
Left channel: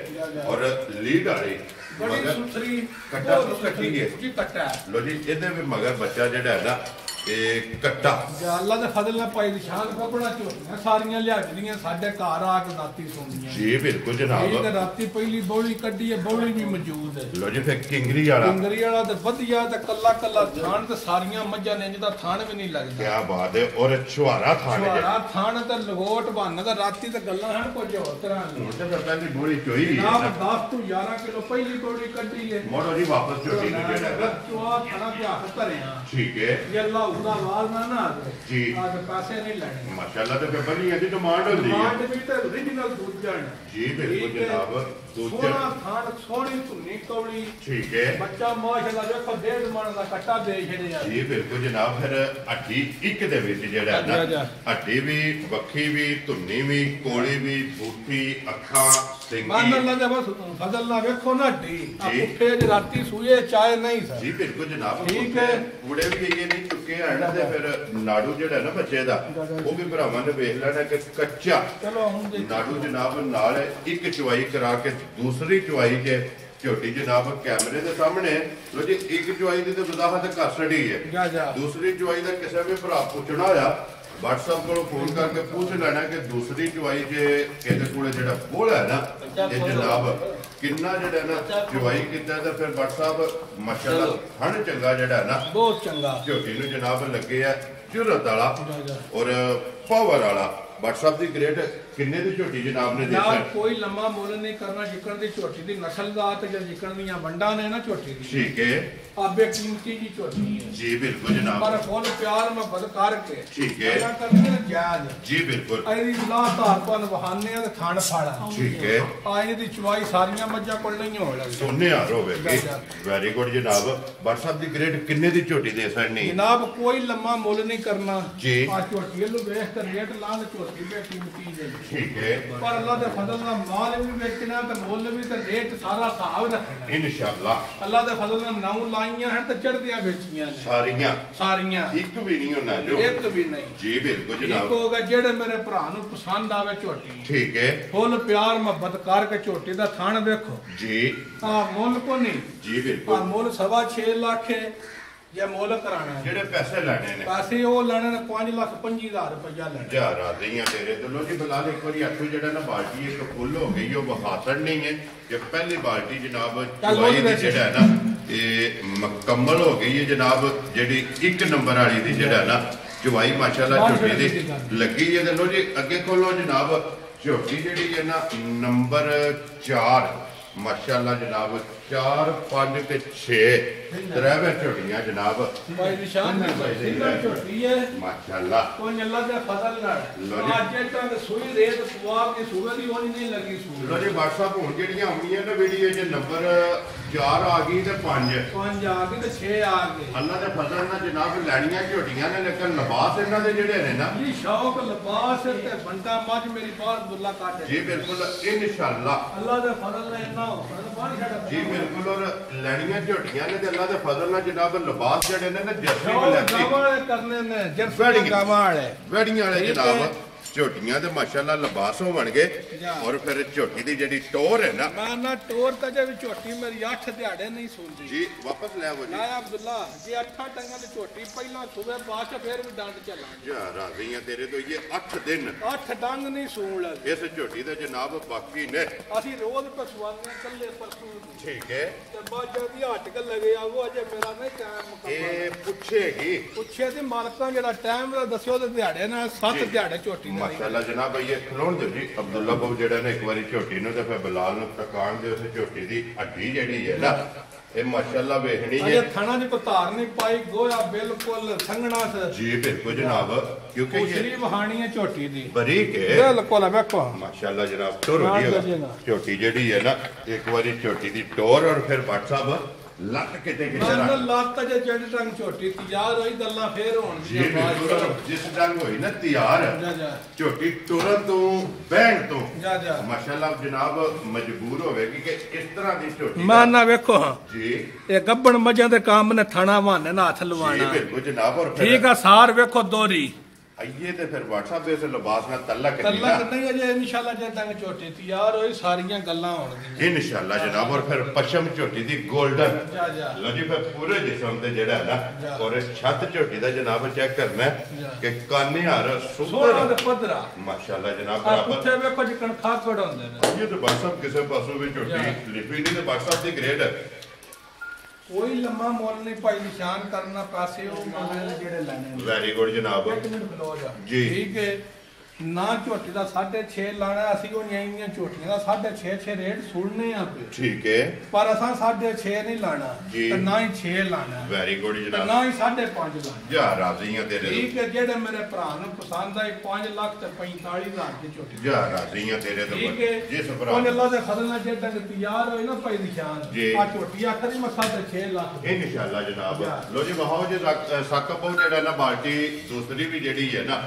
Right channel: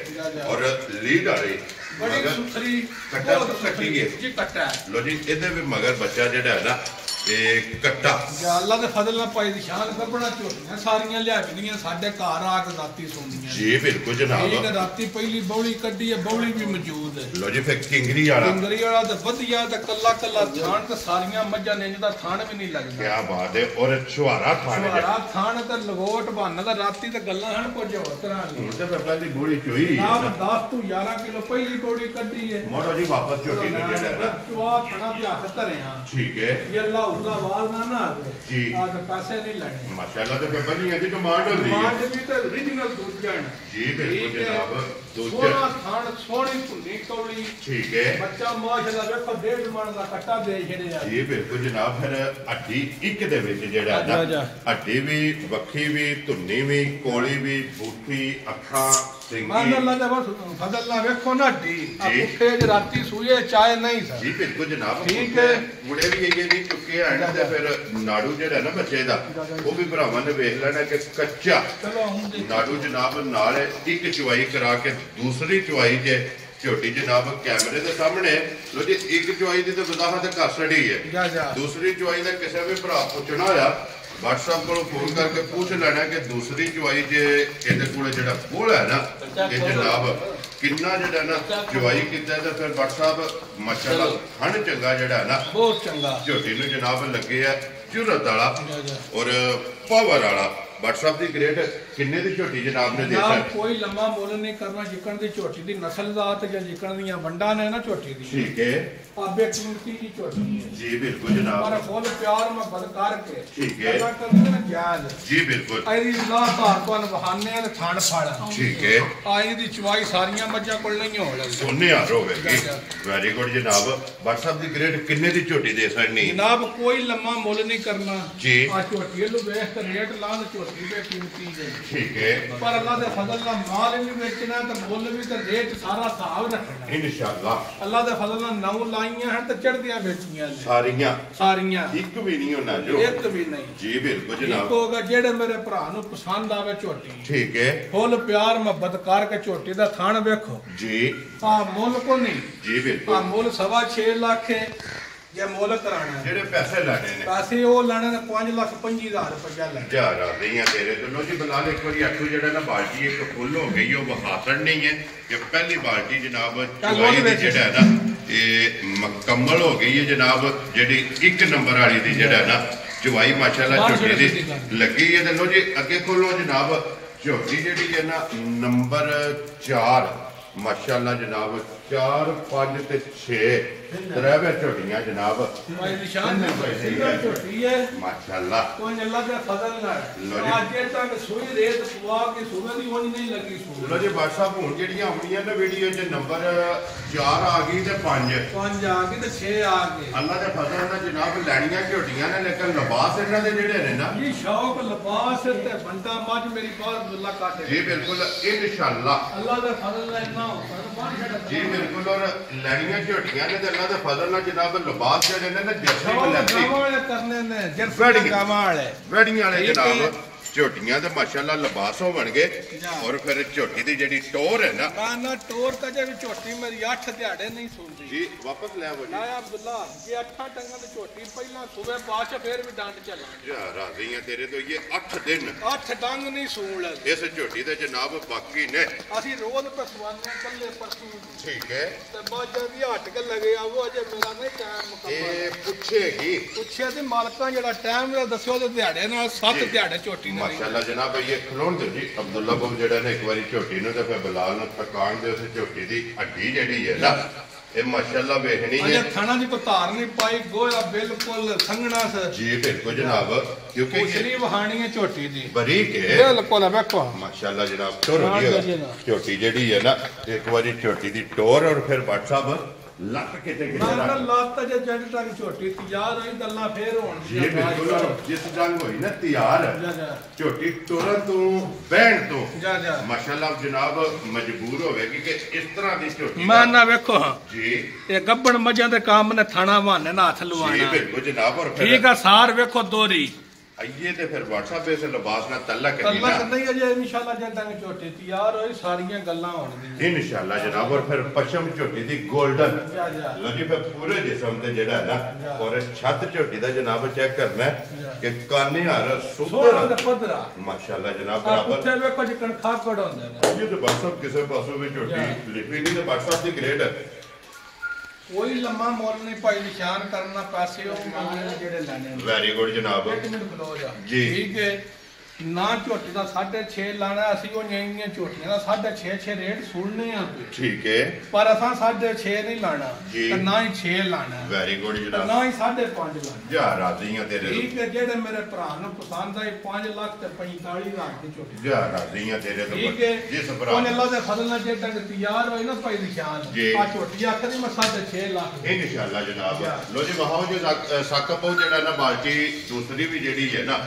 और लीड वाली बड़ी सुथरी कट्टा कट्टी है जी कट्टा लो जी ਇਹਦੇ ਵੀ ਮਗਰ ਬੱਚਾ ਜਿਹੜਾ ਹੈ ਨਾ ਇਹ ਕੱਟਾ ਅੱਲਾ ਦੇ ਫਜ਼ਲ ਨਾਲ ਪਾਈ ਦੀ ਸ਼ਾਨ ਕੱਪੜਾ ਝੋਟੀਆਂ ਸਾਰੀਆਂ ਲਿਆਜਦੀਆਂ ਸਾਡੇ ਘਰ ਆ ਕੇ ਰਾਤੀ ਸੌਂਦੀਆਂ ਜੀ ਬਿਲਕੁਲ ਜਨਾਬ ਇਹ ਰਾਤੀ ਪਹਿਲੀ ਬੌਲੀ ਕੱਢੀ ਹੈ ਬੌਲੀ ਵੀ ਮੌਜੂਦ ਹੈ ਲੋ ਜੀ ਫਿਰ ਕਿੰਗਰੀ ਵਾਲਾ ਤੇ ਵਧੀਆ ਤੇ ਕੱਲਾ ਕੱਲਾ ਥਾਣ ਤੇ ਸਾਰੀਆਂ ਮੱਝਾਂ ਨੇ ਜਿਹਦਾ ਥਾਣ ਵੀ ਨਹੀਂ ਲੱਗਦਾ ਕੀ ਬਾਤ ਹੈ ਔਰ ਛੁਹਾਰਾ ਥਾਣ ਹੈ ਛੁਹਾਰਾ ਥਾਣ ਤੇ ਲਗੋਟ ਬਣ ਦਾ ਰਾਤੀ ਤੇ ਗੱਲਾਂ ਹਨ ਕੁਝ ਹੋਰ ਤਰ੍ਹਾਂ ਹੁਣ ਤੇ ਪਹਿਲੀ ਬੋਲੀ ਚੋਈ ਨਾ 10 ਤੋਂ 11 ਕਿਲੋ ਪਹਿਲੀ ਬੌਲੀ ਕੱਢੀ ਹੈ ਮੋੜੋ ਜੀ ਵਾਪਸ ਝੋਟੀ ਨੂੰ ਜਿਹੜਾ ਚਵਾ ਥਾਣਾ ਤੇ ਹੱਥ ਧਰਿਆ ਠੀਕ ਹੈ ਇਹ ਅੱਲਾ ਉਹਦਾ ਵਾਲ ਨਾ ਆਵੇ ਜੀ ਆ ਤੇ ਪੈਸੇ ਨਹੀਂ ਲੈਣੇ ਮਾਸ਼ਾਅੱਲਾ ਤੇ ਫਿਰ ਬਣੀ ਦੀ ਡਿਮਾਂਡ ਹੁੰਦੀ ਹੈ ਡਿਮਾਂਡ ਵੀ ਤੇ origignal ਦੁੱਧ ਜਾਣ ਜੀ ਬਿਲਕੁਲ ਜਨਾਬ ਸੋਹਣਾ ਥਾਣ ਸੋਹਣੀ ਧੁੰਨੀ ਕੌੜੀ ਠੀਕ ਹੈ ਬੱਚਾ ਮਾਸ਼ਾਅੱਲਾ ਵੇਖੋ 1.5 ਮਣ ਦਾ ਕੱਟਾ ਦੇ ਛੜਿਆ ਜੀ ਬਿਲਕੁਲ ਜਨਾਬ ਫਿਰ ਹੱਡੀ ਇੱਕ ਦੇ ਵਿੱਚ ਜਿਹੜਾ ਨਾ ਹੱਡੀ ਵੀ ਵੱਖੀ ਵੀ ਧੁੰਨੀ ਵੀ ਕੋਲੀ ਵੀ ਬੂਠੀ ਅੱਖਾਂ ਸਿੰਗੀ ਮਾਨ ਅੱਲਾ ਦਾ ਬਸ ਫਜ਼ਲ ਨਾ ਵੇਖੋ ਨਾ ਹੱਡੀ ਆ ਪੁੱਠੇ ਜ ਰਾਤੀ ਸੂਏ ਚਾਹੇ ਨਹੀਂ ਸਰ ਜੀ ਬਿਲਕੁਲ ਜਨਾਬ ਠੀਕ ਹੈ ਮੁੰਡੇ ਵੀ ਇਹ ਨਹੀਂ ਚੁੱਕੇ ਆਣ ਤੇ ਫਿਰ ਨਾੜੂ ਜਿਹੜਾ ਨਾ ਬੱਚੇ ਦਾ ਉਹ ਵੀ ਭਰਾਵਾਂ ਨੇ ਵੇਖ ਲੈਣਾ ਕਿ ਕੱਚਾ ਚਲੋ ਹੁਣ ਨਾੜੂ ਜਨਾਬ ਨਾਲ ਇੱਕ ਚੁਆਈ ਕਰਾ ਕੇ ਦੂਸਰੀ ਚੁਆਈ ਤੇ ਝੋਟੀ ਜਨਾਬ ਕੈਮਰੇ ਦੇ ਸਾਹਮਣੇ ਲੋ ਜੀ ਇੱਕ ਚੁਆਈ ਦੀ ਤੇ ਵਜ਼ਾਹਤ ਕਰ ਛੜੀ ਹੈ ਦੂਸਰੀ ਚੁਆਈ ਦਾ ਕਿਸੇ ਵੀ ਭਰਾ ਪੁੱਛਣਾ ਹੋਇਆ WhatsApp ਕੋਲੋਂ ਫੋਨ ਕਰਕੇ ਪੁੱਛ ਲੈਣਾ ਕਿ ਦੂਸਰੀ ਚੁਆਈ ਜੇ ਇਹਦੇ ਕੋਲ ਜਿਹੜਾ ਬੋਲ ਹੈ ਨਾ ਇਹ ਜਨਾਬ ਕਿੰਨਾ ਜਿਹੜਾ ਨਾ ਚੁਆਈ ਕੀਤਾ ਤੇ ਫਿਰ WhatsApp ਮਾਸ਼ਾਅੱਲਾ ਹਣ ਚੰਗਾ ਜਿਹੜਾ ਨਾ ਬਹੁਤ ਚੰਗਾ ਝੋਟੀ ਨੂੰ ਜਨਾਬ ਲੱਗੇ ਆ ਜੁਰਤ ਵਾਲਾ ਔਰ ਪਾਵਰ ਵਾਲਾ WhatsApp ਦੀ ਗ੍ਰੇਡ ਕਿੰਨੇ ਦੀ ਝੋਟੀ ਜਨਾਬ ਨੇ ਦੇਖਿਆ ਕੋਈ ਲੰਮਾ ਮੁੱਲ ਨਹੀਂ ਕਰਨਾ ਜਿੱਕਣ ਦੀ ਝੋਟੀ ਦੀ ਨਸਲਜ਼ਾਤ ਜਾਂ ਜਿੱਕਣ ਦੀਆਂ ਵੰਡਾਂ ਨੇ ਨਾ ਝੋਟੀ ਦੀ ਠੀਕ ਹੈ ਆਬੇ ਕੀਮਤੀ ਦੀ ਝੋਟੀ ਹੈ ਜੀ ਬਿਲਕੁਲ ਜਨਾਬ ਪਰ ਫੁੱਲ ਪਿਆਰ ਮੁਹੱਬਤ ਕਰਕੇ ਠੀਕ ਹੈ ਅੱਲਾ ਕਰਦੇ ਨੇ ਜਾਇਜ਼ ਜੀ ਬਿਲਕੁਲ ਇਹਦੀ ਲਾ ਧਾਰ ਤੋਂ ਬਹਾਨੇ ਆ ਤੇ ਥਣ ਫੜ ਠੀਕ ਹੈ ਆਈ ਦੀ ਚਵਾਈ ਸਾਰੀਆਂ ਮੱਝਾਂ ਕੋਲ ਨਹੀਂ ਹੋਣ ਲੱਗੀ ਸੋਨੇ ਹਾਰ ਹੋਵੇਗੀ ਵੈਰੀ ਗੁੱਡ ਜਨਾਬ WhatsApp ਦੀ ਗ੍ਰੇਡ ਕਿੰਨੇ ਦੀ ਝੋਟੀ ਦੇ ਸਕਣੀ ਜਨਾਬ ਕੋਈ ਲੰਮਾ ਮੁੱਲ ਨਹੀਂ ਕਰਨਾ ਜੀ ਆ ਝੋਟੀ ਨੂੰ ਵੇਖ ਕੇ ਰੇਟ ਲਾ ਦੇ ਝੋਟੀ ਦੇ ਕੀਮਤੀ ਦੇ ਠੀਕ ਹੈ ਪਰ ਅੱਲਾ ਦੇ ਫਜ਼ਲ ਨਾਲ ਮਾਲ ਵੀ ਵੇਚਣਾ ਤੇ ਮੁੱਲ ਵੀ ਤੇ ਰੇਟ ਸਾਰਾ ਹਿਸਾਬ ਰੱਖਣਾ ਇਨਸ਼ਾਅੱਲਾ ਅੱਲਾ ਦੇ ਫਜ਼ਲ ਨਾਲ ਨੌ ਲਾਈਆਂ ਹਨ ਤੇ ਚੜ੍ਹਦੀਆਂ ਵੇਚੀਆਂ ਨੇ ਸਾਰੀਆਂ ਇੱਕ ਵੀ ਨਹੀਂ ਹੋਣਾ ਜੋ ਇੱਕ ਵੀ ਨਹੀਂ ਜੀ ਬਿਲਕੁਲ ਜਨਾਬ ਇੱਕ ਹੋਗਾ ਜਿਹੜੇ ਮੇਰੇ ਭਰਾ ਨੂੰ ਪਸੰਦ ਆਵੇ ਝੋਟੀ ਠੀਕ ਹੈ ਫੁੱਲ ਪਿਆਰ ਮੁਹੱਬਤ ਕਰਕੇ ਝੋਟੀ ਦਾ ਥਣ ਵੇਖੋ ਜੀ ਆ ਮੁੱਲ ਕੋ ਨਹੀਂ ਜੀ ਆ ਬਿਲਕੁਲ ਮੁੱਲ 6.5 ਲੱਖ ਹੈ ਜੇ ਮੁੱਲ ਕਰਾਣਾ ਜਿਹੜੇ ਪੈਸੇ ਲੈਣੇ ਨੇ ਪੈਸੇ ਉਹ ਲੈਣੇ ਨੇ 5,25,000 ਰੁਪਇਆ ਲੈਣਾ ਯਾਰ ਆ ਗਈਆਂ ਤੇਰੇ ਤੋਂ ਲੋ ਜੀ ਬਲਾਲ ਇੱਕ ਵਾਰੀ ਆਖੋ ਜਿਹੜਾ ਨਾ ਬਾਲਟੀ ਇੱਕ ਫੁੱਲ ਹੋ ਗਈ ਉਹ ਵਹਾਸਣ ਨਹੀਂ ਹੈ ਕਿ ਪਹਿਲੀ ਬਾਲਟੀ ਜਨਾਬ ਚੁਆਈ ਦੀ ਜਿਹੜਾ ਹੈ ਨਾ ਇਹ ਮੁਕੰਮਲ ਹੋ ਗਈ ਹੈ ਜਨਾਬ ਜਿਹੜੀ 1 ਨੰਬਰ ਵਾਲੀ ਦੀ ਜਿਹੜਾ ਨਾ ਚੁਆਈ ਮਾਸ਼ਾਅੱਲਾ ਝੋਟੀ ਦੀ ਲੱਗੀ ਹੈ ਤੇ ਲੋ ਜੀ ਅੱਗੇ ਖੋਲੋ ਜਨਾਬ ਝੋਟੀ ਜਿਹੜੀ ਹੈ ਨਾ ਨੰਬਰ 4 माशाअल्लाह जनाब 4 5 ते 6 तरह झोटियां जनाब भाई निशान सिंगल झोटी है माशाअल्लाह कोई अल्लाह का फजल ना आज तक सुई रेत पुआ की सुई दी होनी नहीं लगी सुई लो जी WhatsApp हुन जेड़ियां आउणियां ना वीडियो च नंबर 4 आ गई ते 5 आ गई ते 6 आ गए अल्लाह दे फजल नाल जनाब लैणियां झोटियां ने लेकिन लिबास इन्हां दे जेड़े ने ना जी शौक लिबास ते बंदा मज मेरी बात अल्लाह काटे जी बिल्कुल इंशाअल्लाह अल्लाह दे फजल नाल जी बिल्कुल और लैनियां झोटियां ने अल्लाह दे फजल नाल जनाब लिबास जेड़े ने ना जर्सी बलैती करने ने जर्सी गावां वाले वेड़ियां वाले जनाब झोटियां ते माशाअल्लाह लिबास होवणगे और फिर झोटी दी जेड़ी टोर है ना टोर का जे झोटी मेरी 8 दिहाड़े नहीं सुनदी जी वापस ले आवो जी ना अब्दुल्ला जे 8 टंगा ते झोटी पहला सुबह बाद फिर भी डंड चला जा राजी है तेरे तो ये 8 दिन 8 डंग नहीं सून लगे इस झोटी ते जनाब बाकी ने ਅਸੀਂ ਰੋਜ਼ ਪਸਵਾਨੇ ਕੱਲੇ ਪਰਸੂ ठीक है ਤੇ ਬਾਜਾ ਦੀ ਹਟ ਕੇ ਲਗੇ ਆਵੋ ਅਜੇ ਮੇਰਾ ਨਹੀਂ ਟਾਈਮ ਮੁਕੰਮਲ ਇਹ ਪੁੱਛੇਗੀ ਪੁੱਛਿਆ ਤੇ ਮਾਲਕਾਂ ਜਿਹੜਾ ਟਾਈਮ ਦਾ ਦੱਸਿਓ ਤੇ ਦਿਹਾੜੇ ਨਾਲ 7 ਦਿਹਾੜੇ ਝੋਟੀ माशाअल्लाह जनाब ये खलोण दो जी अब्दुल्ला बाबू जेड़ा ने एक बारी झोटी नु ते फिर बिलाल नु तकान दे उस झोटी दी हड्डी जेड़ी है ना ये माशाअल्लाह वेखनी है ये थाना जी को तार नहीं पाई गोया बिल्कुल संगना से जी बिल्कुल जनाब क्योंकि ये वहानी है झोटी दी बारीक है बिल्कुल देखो माशाअल्लाह जनाब टोर हो गई झोटी जेड़ी है ना एक बारी झोटी दी टोर और फिर व्हाट्सएप लट किते किते रख लट जे जड़ टंग छोटी तैयार होई गल्ला फेर होण जी बिल्कुल जिस टंग होई ना तैयार छोटी तुरंत तो बहन तो माशाल्लाह जनाब मजबूर होवेगी कि इस तरह दी छोटी मैं ना देखो जी ये गब्बन मजां दे काम ने थाना बहाने ना हाथ लवाना जी बिल्कुल जनाब और ठीक है सार देखो दोरी आइए ते फिर WhatsApp पे से लिबास ना तल्लक नहीं ना नहीं अजे इंशाल्लाह जे तंग छोटी तैयार होई सारियां गल्लां होण दी इंशाल्लाह जनाब और फिर पश्चिम झोटी दी गोल्डन लो जी फिर पूरे जिस्म ते जेड़ा ना और इस छत झोटी दा जनाब चेक करना कि कानी हार सुपर पदरा माशाल्लाह जनाब बराबर उत्थे देखो जी कणखा कड़ होंदे ने ये तो WhatsApp किसे पासों में झोटी लिखी नहीं ते WhatsApp दी ग्रेड है कोई लम्मा मोल नहीं पाई निशान करना पैसे ओ मगरे जेड़े लेने वेरी गुड जनाब एक मिनट खलो जा जी ठीक है ना झोटी दा 6.5 लाना ਅਸੀਂ ਉਹ ਨਿਆਈਆਂ ਝੋਟੀਆਂ ਦਾ 6.5 ਰੇਟ ਸੁਣਨੇ ਆ ठीक है ਪਰ ਅਸਾਂ 6.5 ਨਹੀਂ ਲਾਣਾ ਤੇ ਨਾ ਹੀ 6 ਲਾਣਾ वेरी गुड जनाब ਨਾ ਹੀ 5.5 ਲਾਣਾ जा राजी हैं तेरे ठीक है ਜਿਹੜੇ ਮੇਰੇ ਭਰਾ ਨੂੰ ਪਸੰਦ ਆਈ 5 ਲੱਖ ਤੇ 45,000 ਦੀ ਝੋਟੀ जा राजी हैं तेरे तो ठीक है जिस भरा ਉਹ ਅੱਲਾਹ ਦੇ ਫਜ਼ਲ ਨਾਲ ਜੇ ਤੱਕ ਤਿਆਰ ਹੋਈ ਨਾ ਭਾਈ ਨਿਸ਼ਾਨ ਆ ਝੋਟੀ ਆਖਦੀ ਮੈਂ 6.5 ਲੱਖ इंशाल्लाह जनाब लो जी वहां जो साकब जेड़ा ना बाल्टी दूसरी भी जेड़ी है ना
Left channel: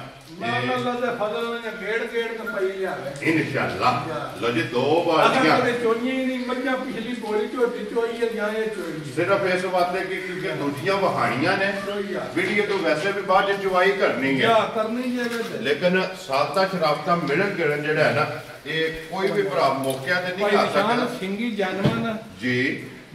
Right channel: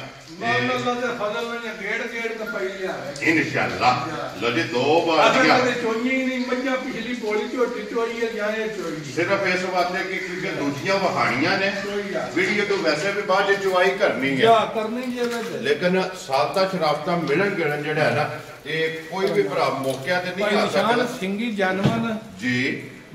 अल्लाह दे फजल ने गेड़ के पई लिया इंशाल्लाह लो जी 2 बाल्टियां चोई नहीं मज्जा पिछली गोली झोटी चोई है या ये चोई सिर्फ इस वास्ते कि क्योंकि दूजियां वहानियां ने वीडियो तो वैसे भी बाद चुवाई करनी है क्या करनी है लेकिन सादा शराबता मिलन गिलन जेड़ा है ना ये कोई भी भरा मौके ते नहीं आ सकदा सिंगी जानवर जी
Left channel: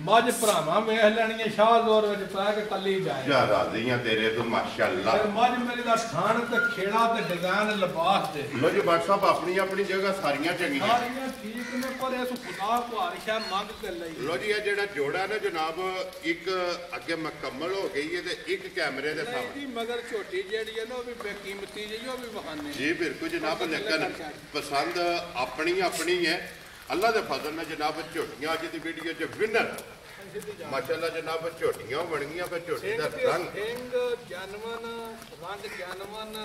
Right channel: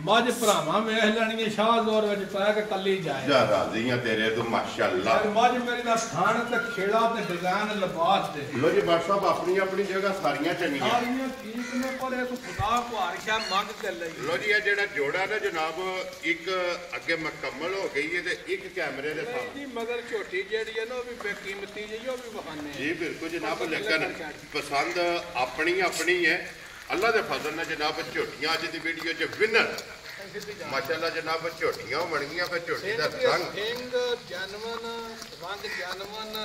मज भरावां वेख लैणियां शाह दौर विच पै के कल्ली जाए जा राज़ियां तेरे तो माशाअल्लाह मज मेरे दा थान ते खेड़ा ते डिजाइन लिबास दे लो जी बात साहब अपनी अपनी जगह सारियां चंगियां सारियां ठीक ने पर इस खुदा को हरशा मंग के लई लो जी ये जेड़ा जोड़ा ना जनाब एक अगे मुकम्मल हो गई है ते एक कैमरे दे सामने मगर छोटी जेड़ी है ना वो भी बेकीमती जी वो भी बखाने जी बिल्कुल जनाब लेकिन पसंद अपनी अपनी है अल्लाह दे फजल नाल जनाब झोटियां अज दी वीडियो च विनर माशाअल्लाह जनाब झोटियां बन गईयां फिर झोटी दा रंग जानवन रंग जानवन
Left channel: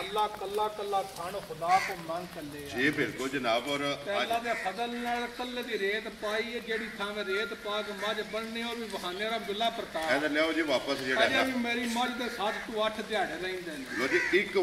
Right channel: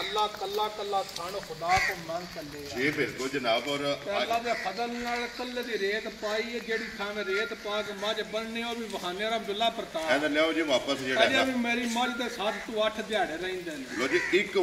अल्लाह कल्ला कल्ला खानो खुदा को मांग कर जी बिल्कुल जनाब और अल्लाह दे फजल नाल कल्ले दी रेत पाई है जेड़ी खाने रेत पा के मज बनने और भी बहाने अब्दुल्ला प्रताप ए ले जी वापस जेड़ा अजे भी मेरी मज दे 7 to 8 दिहाड़े रहंदे ने लो जी एक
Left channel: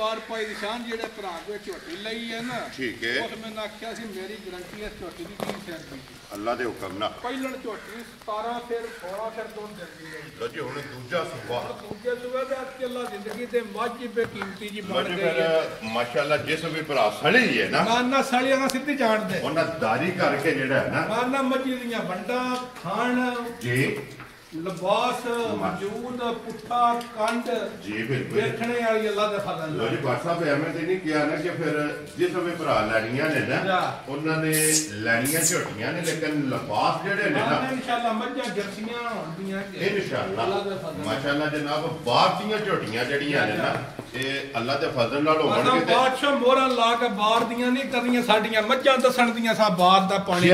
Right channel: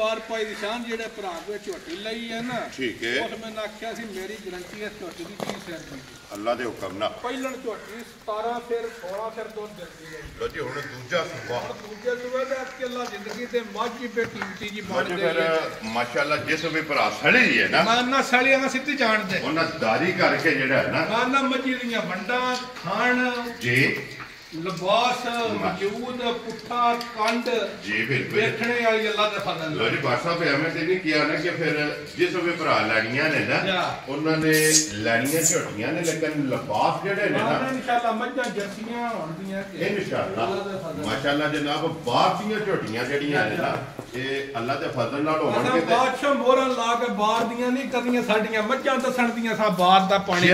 बार भाई निशान जेड़े भरा जो झोटी लई है ना ठीक है उस मैंने आख्या सी मेरी गारंटी है झोटी दी की सेंटी अल्लाह दे हुक्म ना पहलन झोटी 17 फिर 16 फिर दूध देती है लो जी हुन दूजा सुबह दूजे सुबह दे के अल्लाह जिंदगी दे मज पे कीमती जी बन गई माशाअल्लाह जिस भी भरा सड़ी है ना माना सड़ियां सिद्धी जान दे उन्हां दारी करके जेड़ा है ना माना मजी दियां वंडा खान जी लिबास वजूद पुट्ठा कंड जी बिल्कुल देखने वाली अल्लाह दे फजल लो जी बात साहब एवं ते नहीं किया ना कि फिर जिस वे भरा लैनियां ने ना उन्होंने लैनियां झोटियां ने लेकिन लिबास जेडे ने ना इंशाल्लाह मज्जा जर्सियां होंदियां इंशाल्लाह माशाल्लाह जनाब बाहर दी झोटियां जड़ियां ने ना ये अल्लाह दे फजल नाल होणगे ते बादशाह मोहरा ला के बाहर दियां नहीं करनियां साडीयां मज्जां दसण दियां सा बाहर दा पानी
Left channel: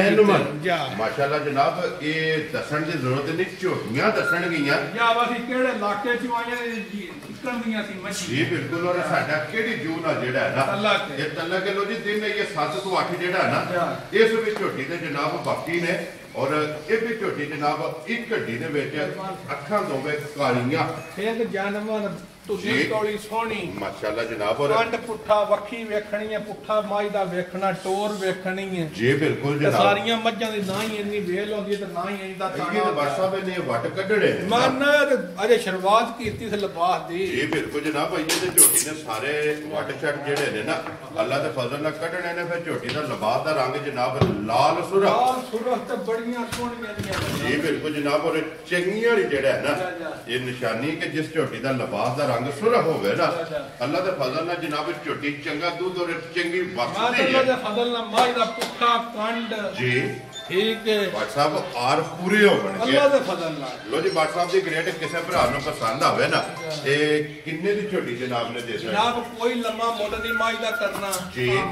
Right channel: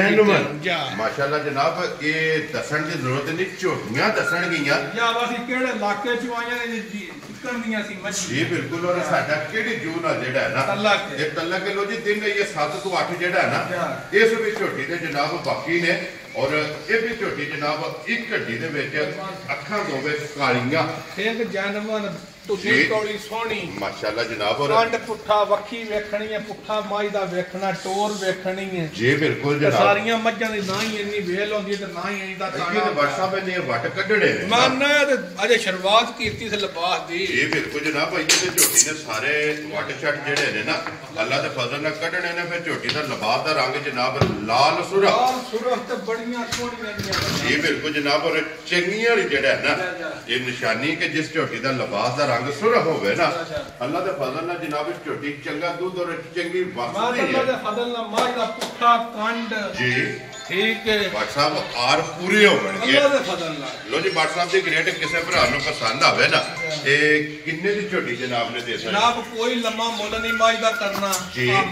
माशाल्लाह जनाब ये दसण दी जरूरत नहीं झोटियां दसण गईयां या वासी केड़े इलाके च आईयां निकलदियां सी मच्छी जी बिल्कुल और साडा केड़ी जू ना जेड़ा है ना ये तल्ला किलो जी दिन ये 7 ਤੋਂ 8 जेड़ा है ना इस विच झोटी दे जनाब बाकी ने और ये भी झोटी जनाब एक घड्डी दे विच अखां दोवे कालियां एक जानवर तुसी कोली सोहनी माशाल्लाह जनाब और कंड पुट्ठा वक्खी वेखणी है पुट्ठा माई दा वेखना टोर वेखणी है जी बिल्कुल जनाब सारियां मज्जां दी ना ही इन्नी वेल होंदी ते ना ही इंदा ताना ये WhatsApp ने वट कढणे मानना ते अजे शुरुआत कीती से लिबास दी जी बिल्कुल जनाब भाई ते झोटी ने सारे वट छट जेड़े ने ना अल्लाह दे फजल नाल कढणे ने फिर झोटी दा लिबास दा रंग जनाब लाल सुरख ते बड़ियां सोहणियां दी जी बिल्कुल जनाब और चंगियां वाली जेड़ा है ना ये निशानी कि जिस झोटी दा लिबास दा रंग सुरख होवे ना अल्लाह दे फजल नाल जनाब झोटी चंगा दूध और चंगी वक्ती है अल्लाह दे फजल नाल माई दा पुट्ठा कंड जी ठीक है WhatsApp आर पूरी हो गई अल्लाह दे फजल नाल लो जी WhatsApp दी ग्रेड किसे भरा नु पसंद आवे ना ए किन्ने दी झोटी जनाब ने दे जनाब कोई लम्मा मुल नहीं माई दा करना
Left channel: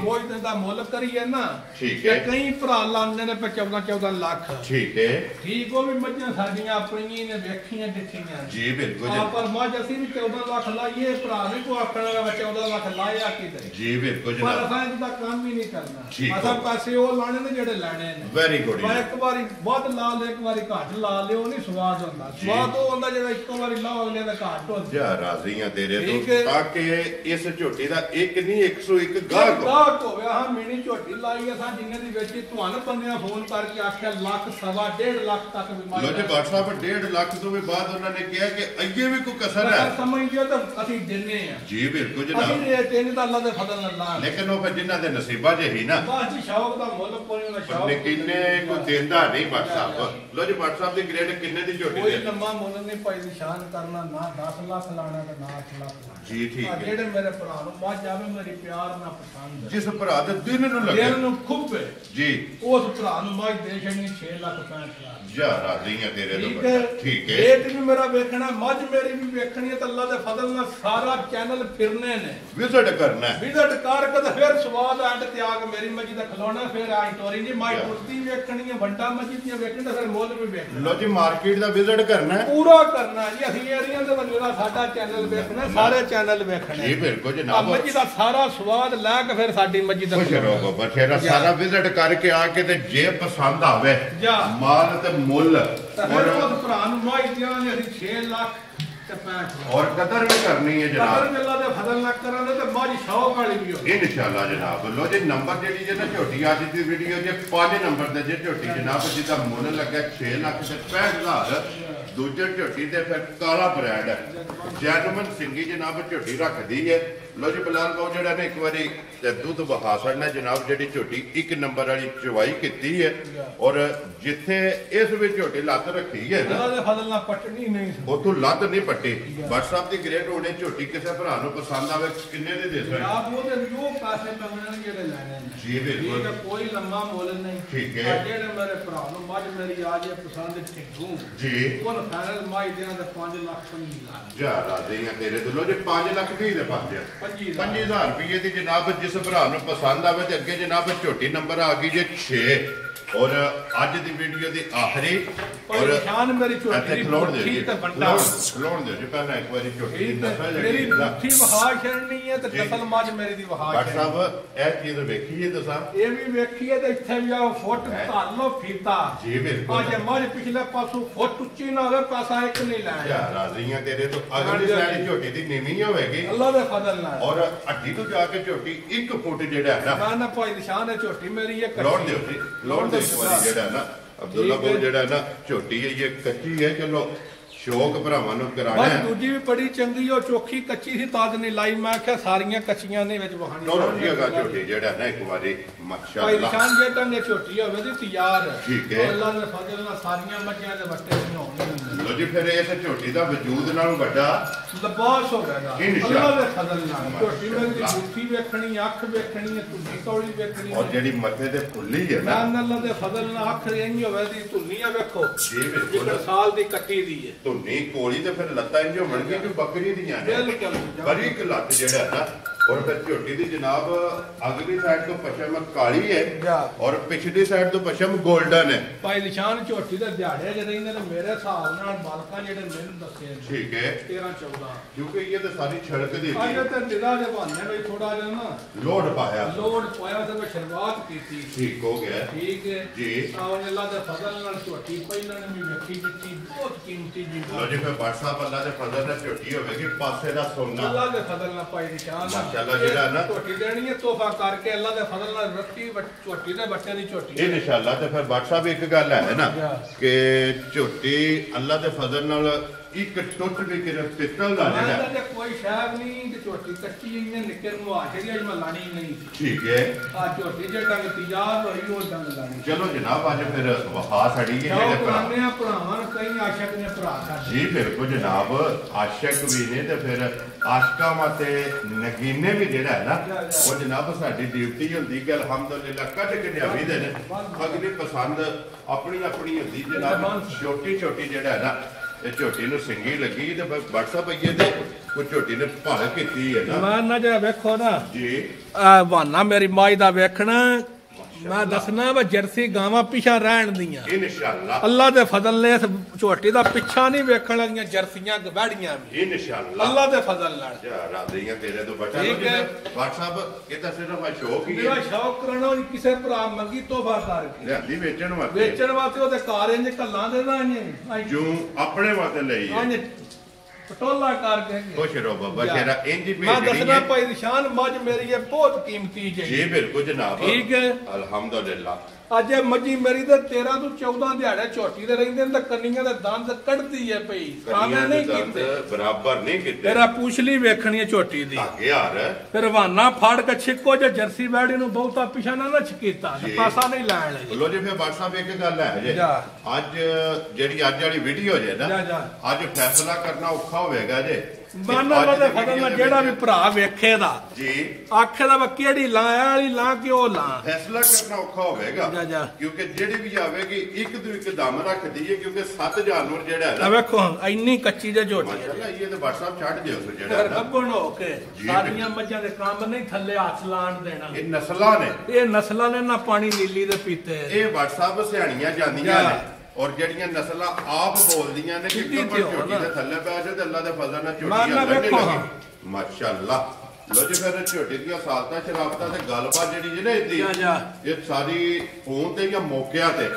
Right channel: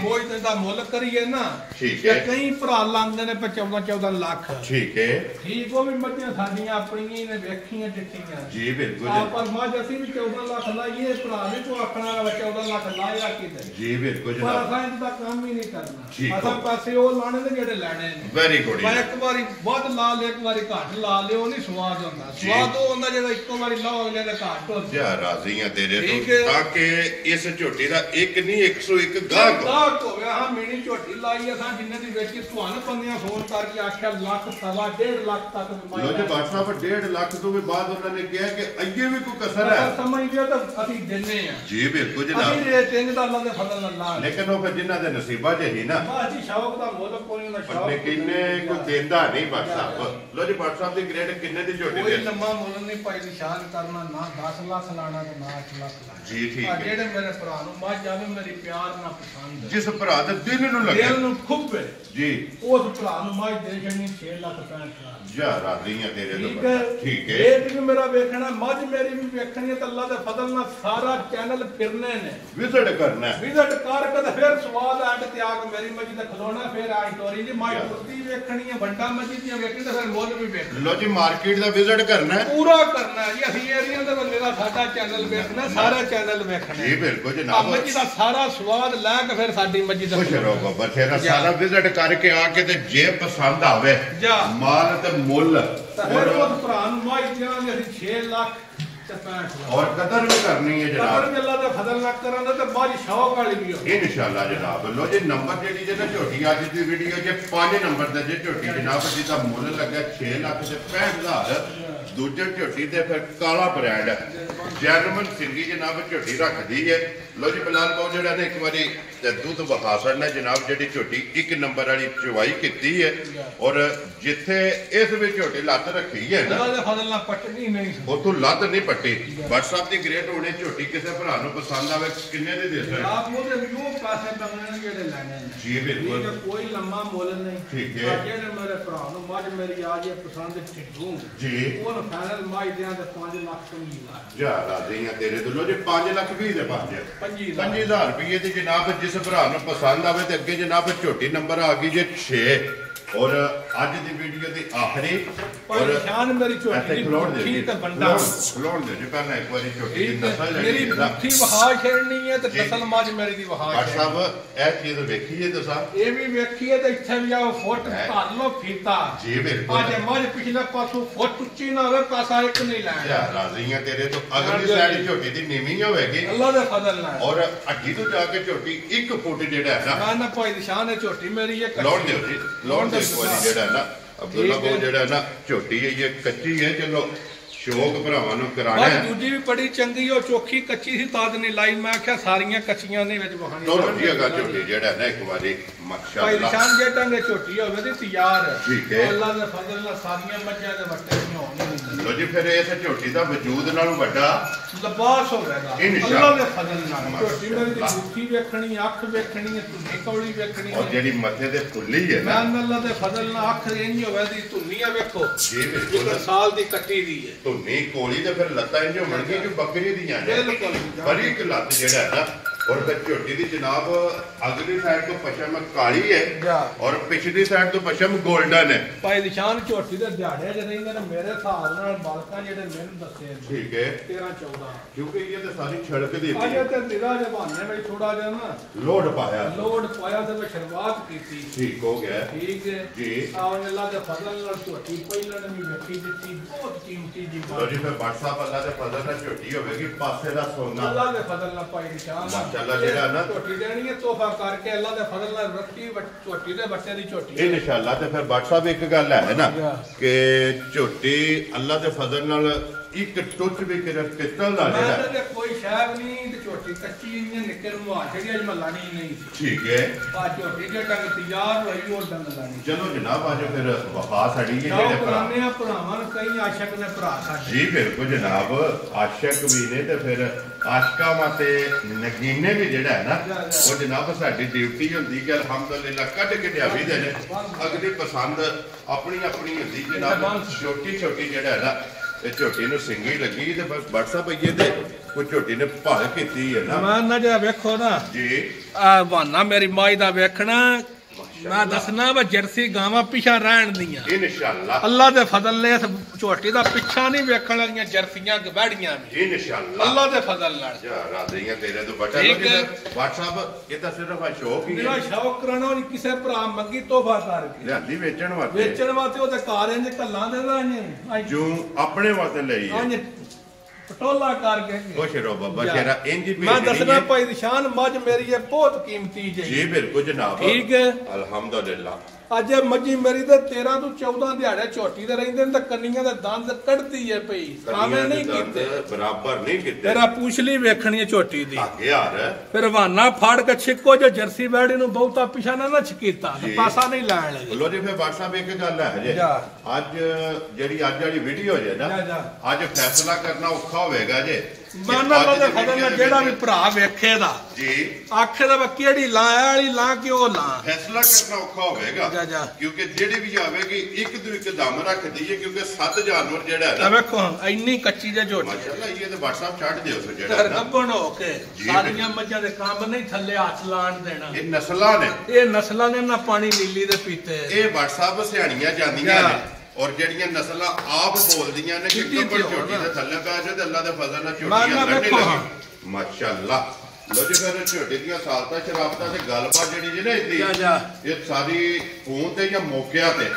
कोई दा मुल करिए ना ठीक है कई भरा लांदे ने 14 लाख ठीक है ठीक वो भी मज्जां साडियां अपनी ने वेखियां दिखियां जी बिल्कुल पर मज ਅਸੀਂ भी 14 लाख लाइए भरा भी को आखना वाला 14 लाख लाएगा किते जी बिल्कुल पर जनाब असां इदा काम ही नहीं करना असां पैसे वो लाने ने जेड़े लेने ने वेरी गुड मैं एक बारी बहुत ला ले एक बारी घट ला ले ਉਹ ਨਹੀਂ ਸਵਾਦ ਹੁੰਦਾ ਸਵਾਦ ਉਹ ਹੁੰਦਾ ਜਿਹੜਾ ਇੱਕੋ ਵਾਰੀ ਲਾ ਹੋ ਲੈ ਘਟ ਹੋ ਜਾ ਰਾਜ਼ੀਆਂ ਤੇਰੇ ਤੋਂ ਤਾਂ ਕਿ ਇਸ ਝੋਟੀ ਦਾ ਇੱਕ ਨਹੀਂ 101 ਗਾਹਕ ਹੋਵੇ ਹਾਂ ਮੀਣੀ ਝੋਟੀ ਲਾਈ ਅਸਾਂ ਜਿੰਨੇ ਦੀ ਵੇਚੀ ਤੁਹਾਨੂੰ ਬੰਦਿਆਂ ਫੋਨ ਕਰਕੇ ਆਖਿਆ ਲੱਖ ਸਵਾ 1.5 ਲੱਖ ਤੱਕ ਵੀ ਲੋ ਜੀ WhatsApp 1.5 ਲੱਖ ਤੋਂ ਵੀ ਬਾਅਦ ਉਹਨਾਂ ਨੇ ਕਿਹਾ ਕਿ ਅੱਗੇ ਵੀ ਕੋਈ ਕਸਰ ਹੈ ਸਮਝਦੇ ਤਾਂ ਅਸੀਂ ਦਿੰਨੇ ਆ ਜੀ ਬਿਲਕੁਲ ਜਨਾਬ ਅਸੀਂ ਇਹ ਤਿੰਨ ਦਾ ਅੱਲਾਹ ਦੇ ਫਜ਼ਲ ਨਾਲ ਲੇਕਿਨ ਉਹ ਫਿਰ ਜਿਨ੍ਹਾਂ ਦੇ ਨਸੀਬਾਂ 'ਚ ਹੀ ਨਾ ਬਾਜੀ ਸ਼ੌਕ ਦਾ ਮੁੱਲ ਕੋਈ ਨਾ ਸ਼ੌਕ ਕਿੰਨੇ ਕੋ ਦੇਂਦਾ ਨਹੀਂ WhatsApp ਲੋ ਜੀ WhatsApp ਦੀ ਗ੍ਰੇਡ ਕਿੰਨੇ ਦੀ ਝੋਟੀ ਕੋਈ ਲੰਮਾ ਮੁੱਲ ਨਹੀਂ ਭਾਈ ਨਿਸ਼ਾਨ ਕਰਨਾ ਨਾ 10 ਲੱਖ ਲਾਣਾ ਤੇ ਨਾ 8 ਲੱਖ ਲਾਣਾ ਜੀ ਠੀਕ ਹੈ ਜਿਹੜੇ ਮੇਰੇ ਭਰਾ ਨੂੰ ਮੱਝ ਜਾਵੇ ਮੇਰੀ ਪਿਆਰ ਨਾਲ ਪਸੰਦ ਜਿਸ ਭਰਾ ਦੇ ਦਿਲ ਨੂੰ ਲੱਗੇ ਦਿਲ ਨੂੰ ਖੁੱਬੇ ਜੀ ਉਸ ਭਰਾ ਨੂੰ ਮੱਝ ਦੇ ਛਣੀ 6 ਲੱਖ 65 ਜਾ ਰਾਜ਼ੀਆਂ ਤੇਰੇ ਤੋਂ ਠੀਕ ਹੈ ਰੇਟ ਵੀ ਮੇਰਾ ਵੇਖਣਾ ਮੱਝ ਮੇਰੀ ਵੀ ਵੇਖਣੀ ਹੈ ਤੇ ਅੱਲਾਹ ਦੇ ਫਜ਼ਲ ਨਾਲ ਸਾਰਾ ਚੈਨਲ ਫਿਰਨੇ ਨੇ ਵਿਜ਼ਿਟ ਕਰਨਾ ਵਿਜ਼ਿਟ ਕਰਕੇ ਤੇ ਫਿਰ ਸਵਾਦ ਐਂਡ ਤੇ ਆ ਕੇ ਮੇਰੀ ਮੱਝ ਦਾ ਖਲੋਣਾ ਫਿਰ ਆਈ ਟੋਰੀ ਜੀ ਮੱਝ ਤੁਰਦੀ ਵੇਖਣੀ ਹੈ ਵੱਡਾ ਮੱਝ ਦੀ ਵੇਖਣੀ ਤੇ ਫਿਰ ਮੁੱਲ ਵੀ ਵੇਖਣਾ ਲੋ ਜੀ ਮਾਰਕੀਟ ਦਾ ਵਿਜ਼ਿਟ ਕਰਨਾ ਪੂਰਾ ਕਰਨਾ ਜੀ ਅਸੀਂ ਏਰੀਆ ਦੇ ਬੰਦੇ ਦਾ ਸਾਡਾ ਚੈਨਲ ਵੇਖਣਾ ਸਾਰੇ ਚੈਨਲ ਵੇਖਣੇ ਜੀ ਬਿਲਕੁਲ ਜਨਾਬ ਮੱਝ ਦਾ ਸਾਰਾ ਸਵਾਦ ਲੈ ਕੇ ਫਿਰ ਸਾਡੀ ਮੱਝ ਦਾ ਖੁਸ਼ ਰਹੋ ਬੱਚੇ ਦਾ ਸਾਰਾ ਵਿਜ਼ਿਟ ਕਰਕੇ ਆ ਕੇ ਤੇ ਜੇ ਪਸੰਦ ਆਵੇ ਮਾਲ ਤੇ ਮੁੱਲ और भरा माई दिया 6 लाख और कदर भी करनी है जनाब अल्लाह दे फजल ना करना ते बाजी शौक वाली भी हो इंशाल्लाह जनाब लो जी नंबर जेडी जे ना झोटी आज दी वीडियो जे 5 नंबर दे जे झोटी जनाब जिदा मुੱਲ ਲੱਗਾ 6 ਲੱਖ ਤੇ 65000 ਦੂਜੇ ਝੋਟੀ ਤੇ ਫਿਰ ਕਾਲਾ ਬ੍ਰਾਂਡ ਜੈਨੂਨ ਸਿੰਗੀ ਜਨਾਬ ਝੋਟੀ ਰੱਖਦੀ ਹੈ ਲੋ ਜੀ ਬਲਾਲ ਬਾਉ ਜਿਹੜਾ ਨੇ ਇੱਕ ਵਾਰੀ ਦੁੱਧ ਵਖਾ ਛੜਨਾ ਜਨਾਬ ਜਿਹੜੀ ਝੋਟੀ 1 ਨੰਬਰ ਵਾਲੀ ਚਵਾਈ ਕੀਤੀ ਹੈ ਔਰ ਜਿੱਥੇ ਇਸ ਵਿੱਚ ਝੋਟੀ ਲੱਤ ਰੱਖੀ ਹੈ ਨਾ ਅੱਲਾਹ ਦੇ ਫਜ਼ਲ ਨਾਲ ਪੱਟਣੀ ਨਹੀਂ ਉਥੋਂ ਲੱਤ ਨਹੀਂ ਪੱਟੀ WhatsApp ਦੀ ਗ੍ਰੇਡ ਹੋਣੇ ਝੋਟੀ ਕਿਸੇ ਭਰਾ ਨੂੰ ਪਸੰਦ ਆਵੇ ਕਿੰਨੇ ਦੀ ਦੇ ਸਕਦੇ ਆਪ ਉਹਦੇ ਜੋ ਪੈਸੇ ਮੰਗਣੇ ਜਿਹੜੇ ਲੈਣੇ ਨੇ ਜੀ ਬਿਲਕੁਲ ਕੋਈ ਲੰਮਾ ਮੁੱਲ ਨਹੀਂ ਠੀਕ ਹੈ ਜਿਹੜੇ ਮੇਰੇ ਭਰਾ ਨੂੰ ਮੱਝ ਮੇਰੀ ਆ ਜੇ ਪਸੰਦ ਛੱਡੂ ਜੀ ਉਹ ਫਾਈਨਲ ਮਾਈ ਦਿਆਂ ਤੇ 5 ਲੱਖ ਸਮਝੀ ਜਾ ਰਾਜ਼ੀਆਂ ਤੇਰੇ ਤੋਂ ਲੋ ਜੇ 5 ਲੱਖ 20 ਦੇ ਪਾਉਂਦੇ 5000 ਰੁਪਏ ਦੀ ਜਨਾਬ ਜਿਸ ਭਰਾ ਨੂੰ ਪਸੰਦ ਆਵੇ ਤੇ ਅੱਗੇ ਜਨਾਬ ਝੋਟੀ ਨੰਬਰ ਆ ਗਈ ਜੇ 6 और ਅੱਜ ਦੀ ਵੀਡੀਓ ਦੀ ਆਖਰੀ ਔਰ ਨਿਸ਼ਾਨ ਮੇਰੀ ਝੋਟੀ ਦੀ ਠੀਕ ਤੇ ਬੰਦਾ ਖਲੋਣ ਦੇ ਜੇ ਪਹਿਲਾਂ ਇੱਕ ਵਾਰੀ ਝੋਟੀ ਦੀ ਨਸਲ ਮੇਰੀ ਮੁੱਠੀ ਵਹਾ ਛੜਨੀ ਹੈ ਤੇ ਨਸਲ ਮੱਝ ਮੇਰੀ ਦੀ ਵਹਾ ਡਾਕਟਰ ਸਾਹਿਬ ਇਹ ਚੀਜ਼ ਵੇਖੀਏ ਤੁਸੀਂ ਇਹ ਵੀ ਵੇਖੀਏ ਤੇ ਇੱਥੇ ਵੀ ਆਓ ਫੁੱਟ ਧਰ ਲੋ ਫੀਤਾ ਜੀ ਬਿਲਕੁਲ ਅੱਜ ਮੱਝ ਪਿਛਲੇ ਪਾਸੋਂ ਫੁੱਟ ਉੱਚੀ ਨਾ ਹੋਵੇ ਪੈਸਾ ਇੱਕ ਨਹੀਂ ਲੈਣਾ ਯਾ ਰਾਜ਼ੀਆਂ ਤੇਰੇ ਤੋਂ ਅਗਲੀ ਸਾਡੀ ਝੋਟੀ ਦੀ ਨੀਵੀਂ ਹੋਵੇਗੀ ਅੱਲਾਹ ਦੇ ਫਜ਼ਲ ਨਾਲ ਔਰ ਅੱਡੀ ਤੋਂ ਜਾ ਕੇ ਝੋਟੀ 1 ਫੁੱਟ ਜਿਹੜਾ ਹੈ ਨਾ ਭਾਈ ਨਿਸ਼ਾਨ ਹੈ ਝੋਟੀ ਮੇਰੀ ਇਹ ਲੋੜ ਦਿਓ ਜੀ ਲੋੜ ਦੇ ਜਿਹੜਾ ਨਾ ਅਬਦੁੱਲਾ ਕੋਲ ਜਿਹੜਾ ਨਾ ਝੋਟੀ ਹੈ ਇਹ ਕੱਚੀ ਹੈ ਚਲੋ ਸ਼ੌਕ ਭਰਾਵਾਂ ਨੂੰ ਕਰਾਣਾ ਹੈ ਦੂਜੀ ਵੀ ਬੜੀ ਚੰਗੀ ਉਹ ਚੋਖੀ ਕੱਚੀ ਸੀ ਤਾਦ ਨਹੀਂ ਲਾਈ ਮੈਂ ਆਖਿਆ ਸਾਰੀਆਂ ਕੱਚੀਆਂ ਦੇ ਵਿੱਚ ਵਹਾਣੀ ਲੋੜ ਜੀ ਅਗਾ ਝੋਟੀ ਜਿਹੜਾ ਨਾ ਇੱਕ ਵਾਰੀ ਮਾਸ਼ਾਅੱਲਾ ਭਾਈ ਨਿਸ਼ਾਨ ਜੇ ਟੰਗੇ ਝੋਟੀ ਹੋਵੇ ਤੇ ਤਿਆਰ ਠੀਕ ਹੈ ਅੱਲਾਹ ਦੇ ਫਜ਼ਲ ਨਾਲ ਸਾਰੀਆਂ ਮੱਝਾਂ ਦੇ ਵੱਟੇ ਨਹੀਂ ਹੋਣਗੇ लो जी फिर इस झोटी का वजूद नालों वड्डा लिबास हो रहेगा अल्लाह दे फजल नाल झोटी मेरी दी मुट्ठी वेखनी अख वेखनी धुनी कौड़ी वेखनी और जेडी मथे ते फुल्ली है ना अल्लाह दे फजल नाल अख इंज होवे दी धुनिया वेखो जी बिल्कुल साल दी कट्टी दी है धुनी कोली ते फिर लत्तां इंज होण गी जो बकरी दी ने बिल्कुल बड़ी एक लत्त जेड़ा है ना और फिर झोटी की जनाब अगली साइड तो पश्चिम काली है और पिछली साइड तो पश्चिम गोल्डन है भाई निशान झोटी दे दिहाड़े ज रहिंदे ने मेरे हिसाब नाल बालका जेडे मैंने दसे ठीक है 13 14 क्योंकि ये तो सारी छड़क दी थी अजे ते निगाह दे बहाने में थोड़ा जा ना लोड पाया ते मैं शुरुआत की थी ठीक हो गया ठीक है जी और अल्लाह दे फजल नाल झोटी पहले ने भी वेखी दित्ती बहुत कीमती जी लो जी फिर व्हाट्सएप अल्लाह दे फजल नाल झोटी होवेगी पासे दा सोना अल्लाह दे फजल नाल पाई निशान माशाल्लाह जेड़ा ना झोटी देनी है तोहफा करके अल्लाह दे फजल नाल रखी झोटी दे बच्चे दी झोटी इंशाअल्लाह ते फिर व्हाट्सएप एक गल है ना कि झोटी अल्लाह दे फजल नाल एक टुट भी तेरा पिस्तल दा जेड़ा मैं कोई शायद नहीं ते झोटी कच्ची इने निकल मुआ जेडी अज मैं लानी नहीं ठीक है आ झोटी जे डंग तैयार होई और डंग लानी चलो जनाब आज फिर वफा साड़ी है जेड़े पुराने भरावां कई आशिक ने भरा साडे जी बिल्कुल जनाब आशिक भी ने ते फिर आशिका माते नगीने भी जेड़ा है ना वो जनाब साडी ड्यूटी हुंदी कि अल्हम्दुलिल्लाह कट के लियावी दे ने अगली पसंद अपनी अपनी हुंदी जनाब छोटी छोटी जेड़ा है ना झोटी ने सिंगी लगी ते बस व्हाट्सएप आइए दे कुछ झोटी ने भाल कीती है ना मैं ना जे वेखो ना जी बहाना मेरी माई दा वेखना मैं दसना वा जर्सी गावां पिछा रहन दियां इंशाअल्लाह अल्लाह दे फजल ने इस झोटी दा पिछा नहीं वेखण वालियां जर्सियां गवाड़ियां भी इंशाअल्लाह अल्लाह दे फजल नाल या राधियां तेरे तो बचा लो व्हाट्सएप ये तो सिर्फ शौक ही मेरा है शौक करना किसे भरा मंगी तोहफा करके लियांदी वेचण वास्ते ओदे कार इंज कल्लां देना जो अपने वास्ते ਲਈ है पटोला करके खुश रहो बाबा शेरा इंज भी मैं दसना भाई निशान मज मेरी है बहुत कीमती जी बिल्कुल जनाब ठीक है अल्हम्दुलिल्लाह ਅੱਜ ਮੱਝੀ ਮੇਰੀ ਦੇ 13 ਤੋਂ 14 ਦਿਹਾੜੇ ਝੋਟੀ ਦੇ ਰਹਿੰਦੇ ਨੇ ਤਾਂ ਕੰਨੀਆਂ ਦੇ ਦੰਦ ਕੱਢਦੀ ਏ ਪਈ ਸਾਵੇਂ ਨਹੀਂ ਕੀਤੇ ਬਰਾਬਰ ਨਹੀਂ ਕੀਤੇ ਤੇਰਾ ਪੂਛਲੀ ਵੇਖਣੀ ਏ ਝੋਟੀ ਦੀ ਅੱਗੇ ਯਾਰ ਫਿਰ ਹਵਾਨਾ ਫਾੜ ਕੇ ਛਿੱਕੋ ਜੇ ਜਰਸੀ ਬਾੜੀ ਨੂੰ ਬਹੁਤਾ ਪਿਛਾ ਨਾ ਛਕੀਤਾ ਪਾਸਾ ਨਹੀਂ ਲੈਣ ਲਈ ਲੋ ਜੀ ਫਿਰ WhatsApp ਇੱਕ ਗੱਲ ਹੈ ਜੇ ਅੱਜ ਜਿਹੜੀ ਅੱਜ ਵਾਲੀ ਵੀਡੀਓ ਜੇ ਨਾ ਅੱਜ ਫੈਸਲਾ ਕਰਨਾ ਔਖਾ ਹੋਵੇਗਾ ਜੇ ਮਨ ਅੱਲਾ ਦੇ ਫਜ਼ਲ ਨਾਲ ਜਿਹੜਾ ਵੀ ਭਰਾ ਵੇਖੇ ਦਾ ਜੀ ਆਖੇ ਦਾ ਕਿਹੜੀ ਲਾਂ ਵਾਲੀ ਲਾਂ ਕਿ ਉਹ ਲਾਂ ਫੈਸਲਾ ਕਰਨਾ ਔਖਾ ਹੋਵੇਗਾ ਕਿਉਂਕਿ ਜਿਹੜੀ ਵੀ ਆਵੇਗੀ ਇੱਕ ਤੋਂ ਇੱਕ ਦਮ ਰੱਖਦੀ ਹੈ ਕਿਉਂਕਿ 7 ਜਾਨਵਰ ਜਿਹੜਾ ਹੈ ਨਾ ਵੇਖੋ ਇੰਨੀ ਕੱਚੀ ਜੇ ਝੋਟੀ ਮਾਸ਼ਾਅੱਲਾ ਇਹ ਤੇ WhatsApp ਛੱਡ ਦਿਓ ਸੋ ਜਿਹੜਾ ਗੱਬਣ ਹੋ ਕੇ ਸਾਰੀਆਂ ਮੱਝਾਂ ਦੇ ਕੰਮ ਨਹੀਂ ਥੱਲੇ ਹੱਥ ਲਾਣ ਦੇਣਾ ਇਹ ਨਸਲਾਂ ਨੇ ਇਹ ਨਸਲਾਂ ਨੇ ਨਾ ਪਾਣੀ ਨੀਲੀ ਦੇ ਪੀਤੇ ਇਹ WhatsApp ਸਿਆਣੀਆਂ ਜਾਂਦੀਆਂ ਨੇ और जड़ियां नस्ल आप बोलदियां ने कि कबर झोटी दे थल्ले पै जाए ते अल्लाह दे फजल नाल झोटियां लड़ने लगी माशाअल्लाह लो जी फिर झोटी दी सालता शराबता ते गलबात जड़ी जे ना इदी ये सारी फोन ते या मौके ते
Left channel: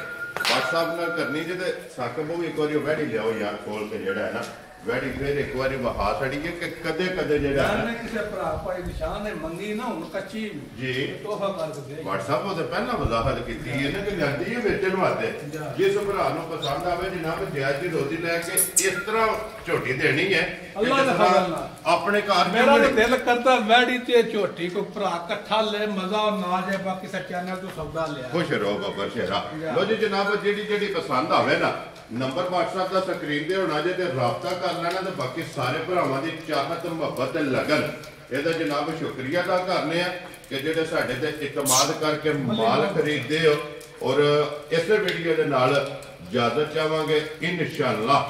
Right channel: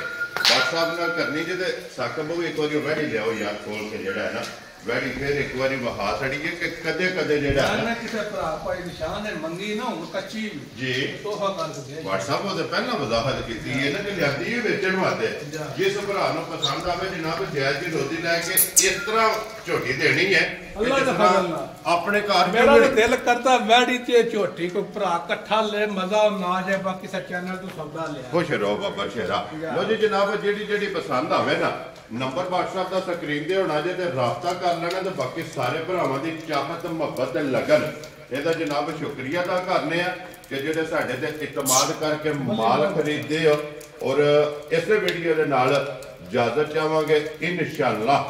WhatsApp नाल करनी जे ते साकब भी एक बारी वैडी लियाओ यार खोल के जेड़ा है ना वैडी फिर एक बारी वहा छड़ी है कि कदे कदे जेड़ा है ना किसे भरा भाई निशान है मंगी ना हुन कच्ची जी तोहफा कर दे WhatsApp तो पहला वजाहत कीती है ना कि जल्दी है बेचण वास्ते जिस भरा नु पसंद आवे जनाब जायज दी रोजी लै के इस तरह झोटी देनी है अल्लाह दा फजल नाल अपने कार मेरा दिल करता वैडी ते झोटी को भरा इकट्ठा ले मजा ना जाए बाकी सब चैनल तो सौदा ले खुश रहो बाबा शेरा लो जी जनाब जेडी जेडी पसंद आवे ना नंबर WhatsApp ਦਾ ਸਕਰੀਨ ਤੇ ਹੋਣਾ ਜੇ ਤੇ ਰਾਬਤਾ ਕਰ ਲੈਣਾ ਤੇ ਬਾਕੀ ਸਾਰੇ ਭਰਾਵਾਂ ਦੀ ਚਾਹਤ ਮੁਹੱਬਤ ਤੇ ਲਗਨ ਇਹਦਾ ਜਨਾਬ ਸ਼ੁਕਰੀਆ ਅਦਾ ਕਰਨੇ ਆ ਕਿ ਜਿਹੜੇ ਸਾਡੇ ਤੇ ਇਤਮਾਦ ਕਰਕੇ ਮਾਲ ਖਰੀਦਦੇ ਹੋ ਔਰ ਇਸੇ ਵੀਡੀਓ ਦੇ ਨਾਲ ਇਜਾਜ਼ਤ ਚਾਹਾਂਗੇ ਇਨਸ਼ਾਅੱਲਾ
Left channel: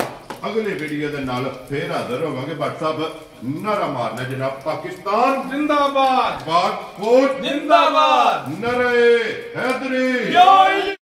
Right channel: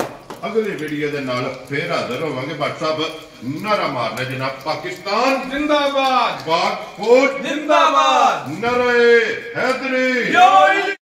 ਅਗਲੀ ਵੀਡੀਓ ਦੇ ਨਾਲ ਫੇਰ ਹਾਜ਼ਰ ਹੋਵਾਂਗੇ WhatsApp ਨਾਰਾ ਮਾਰਨਾ ਜਨਾਬ ਪਾਕਿਸਤਾਨ जिंदाबाद पाक फौज जिंदाबाद नरे हैदरी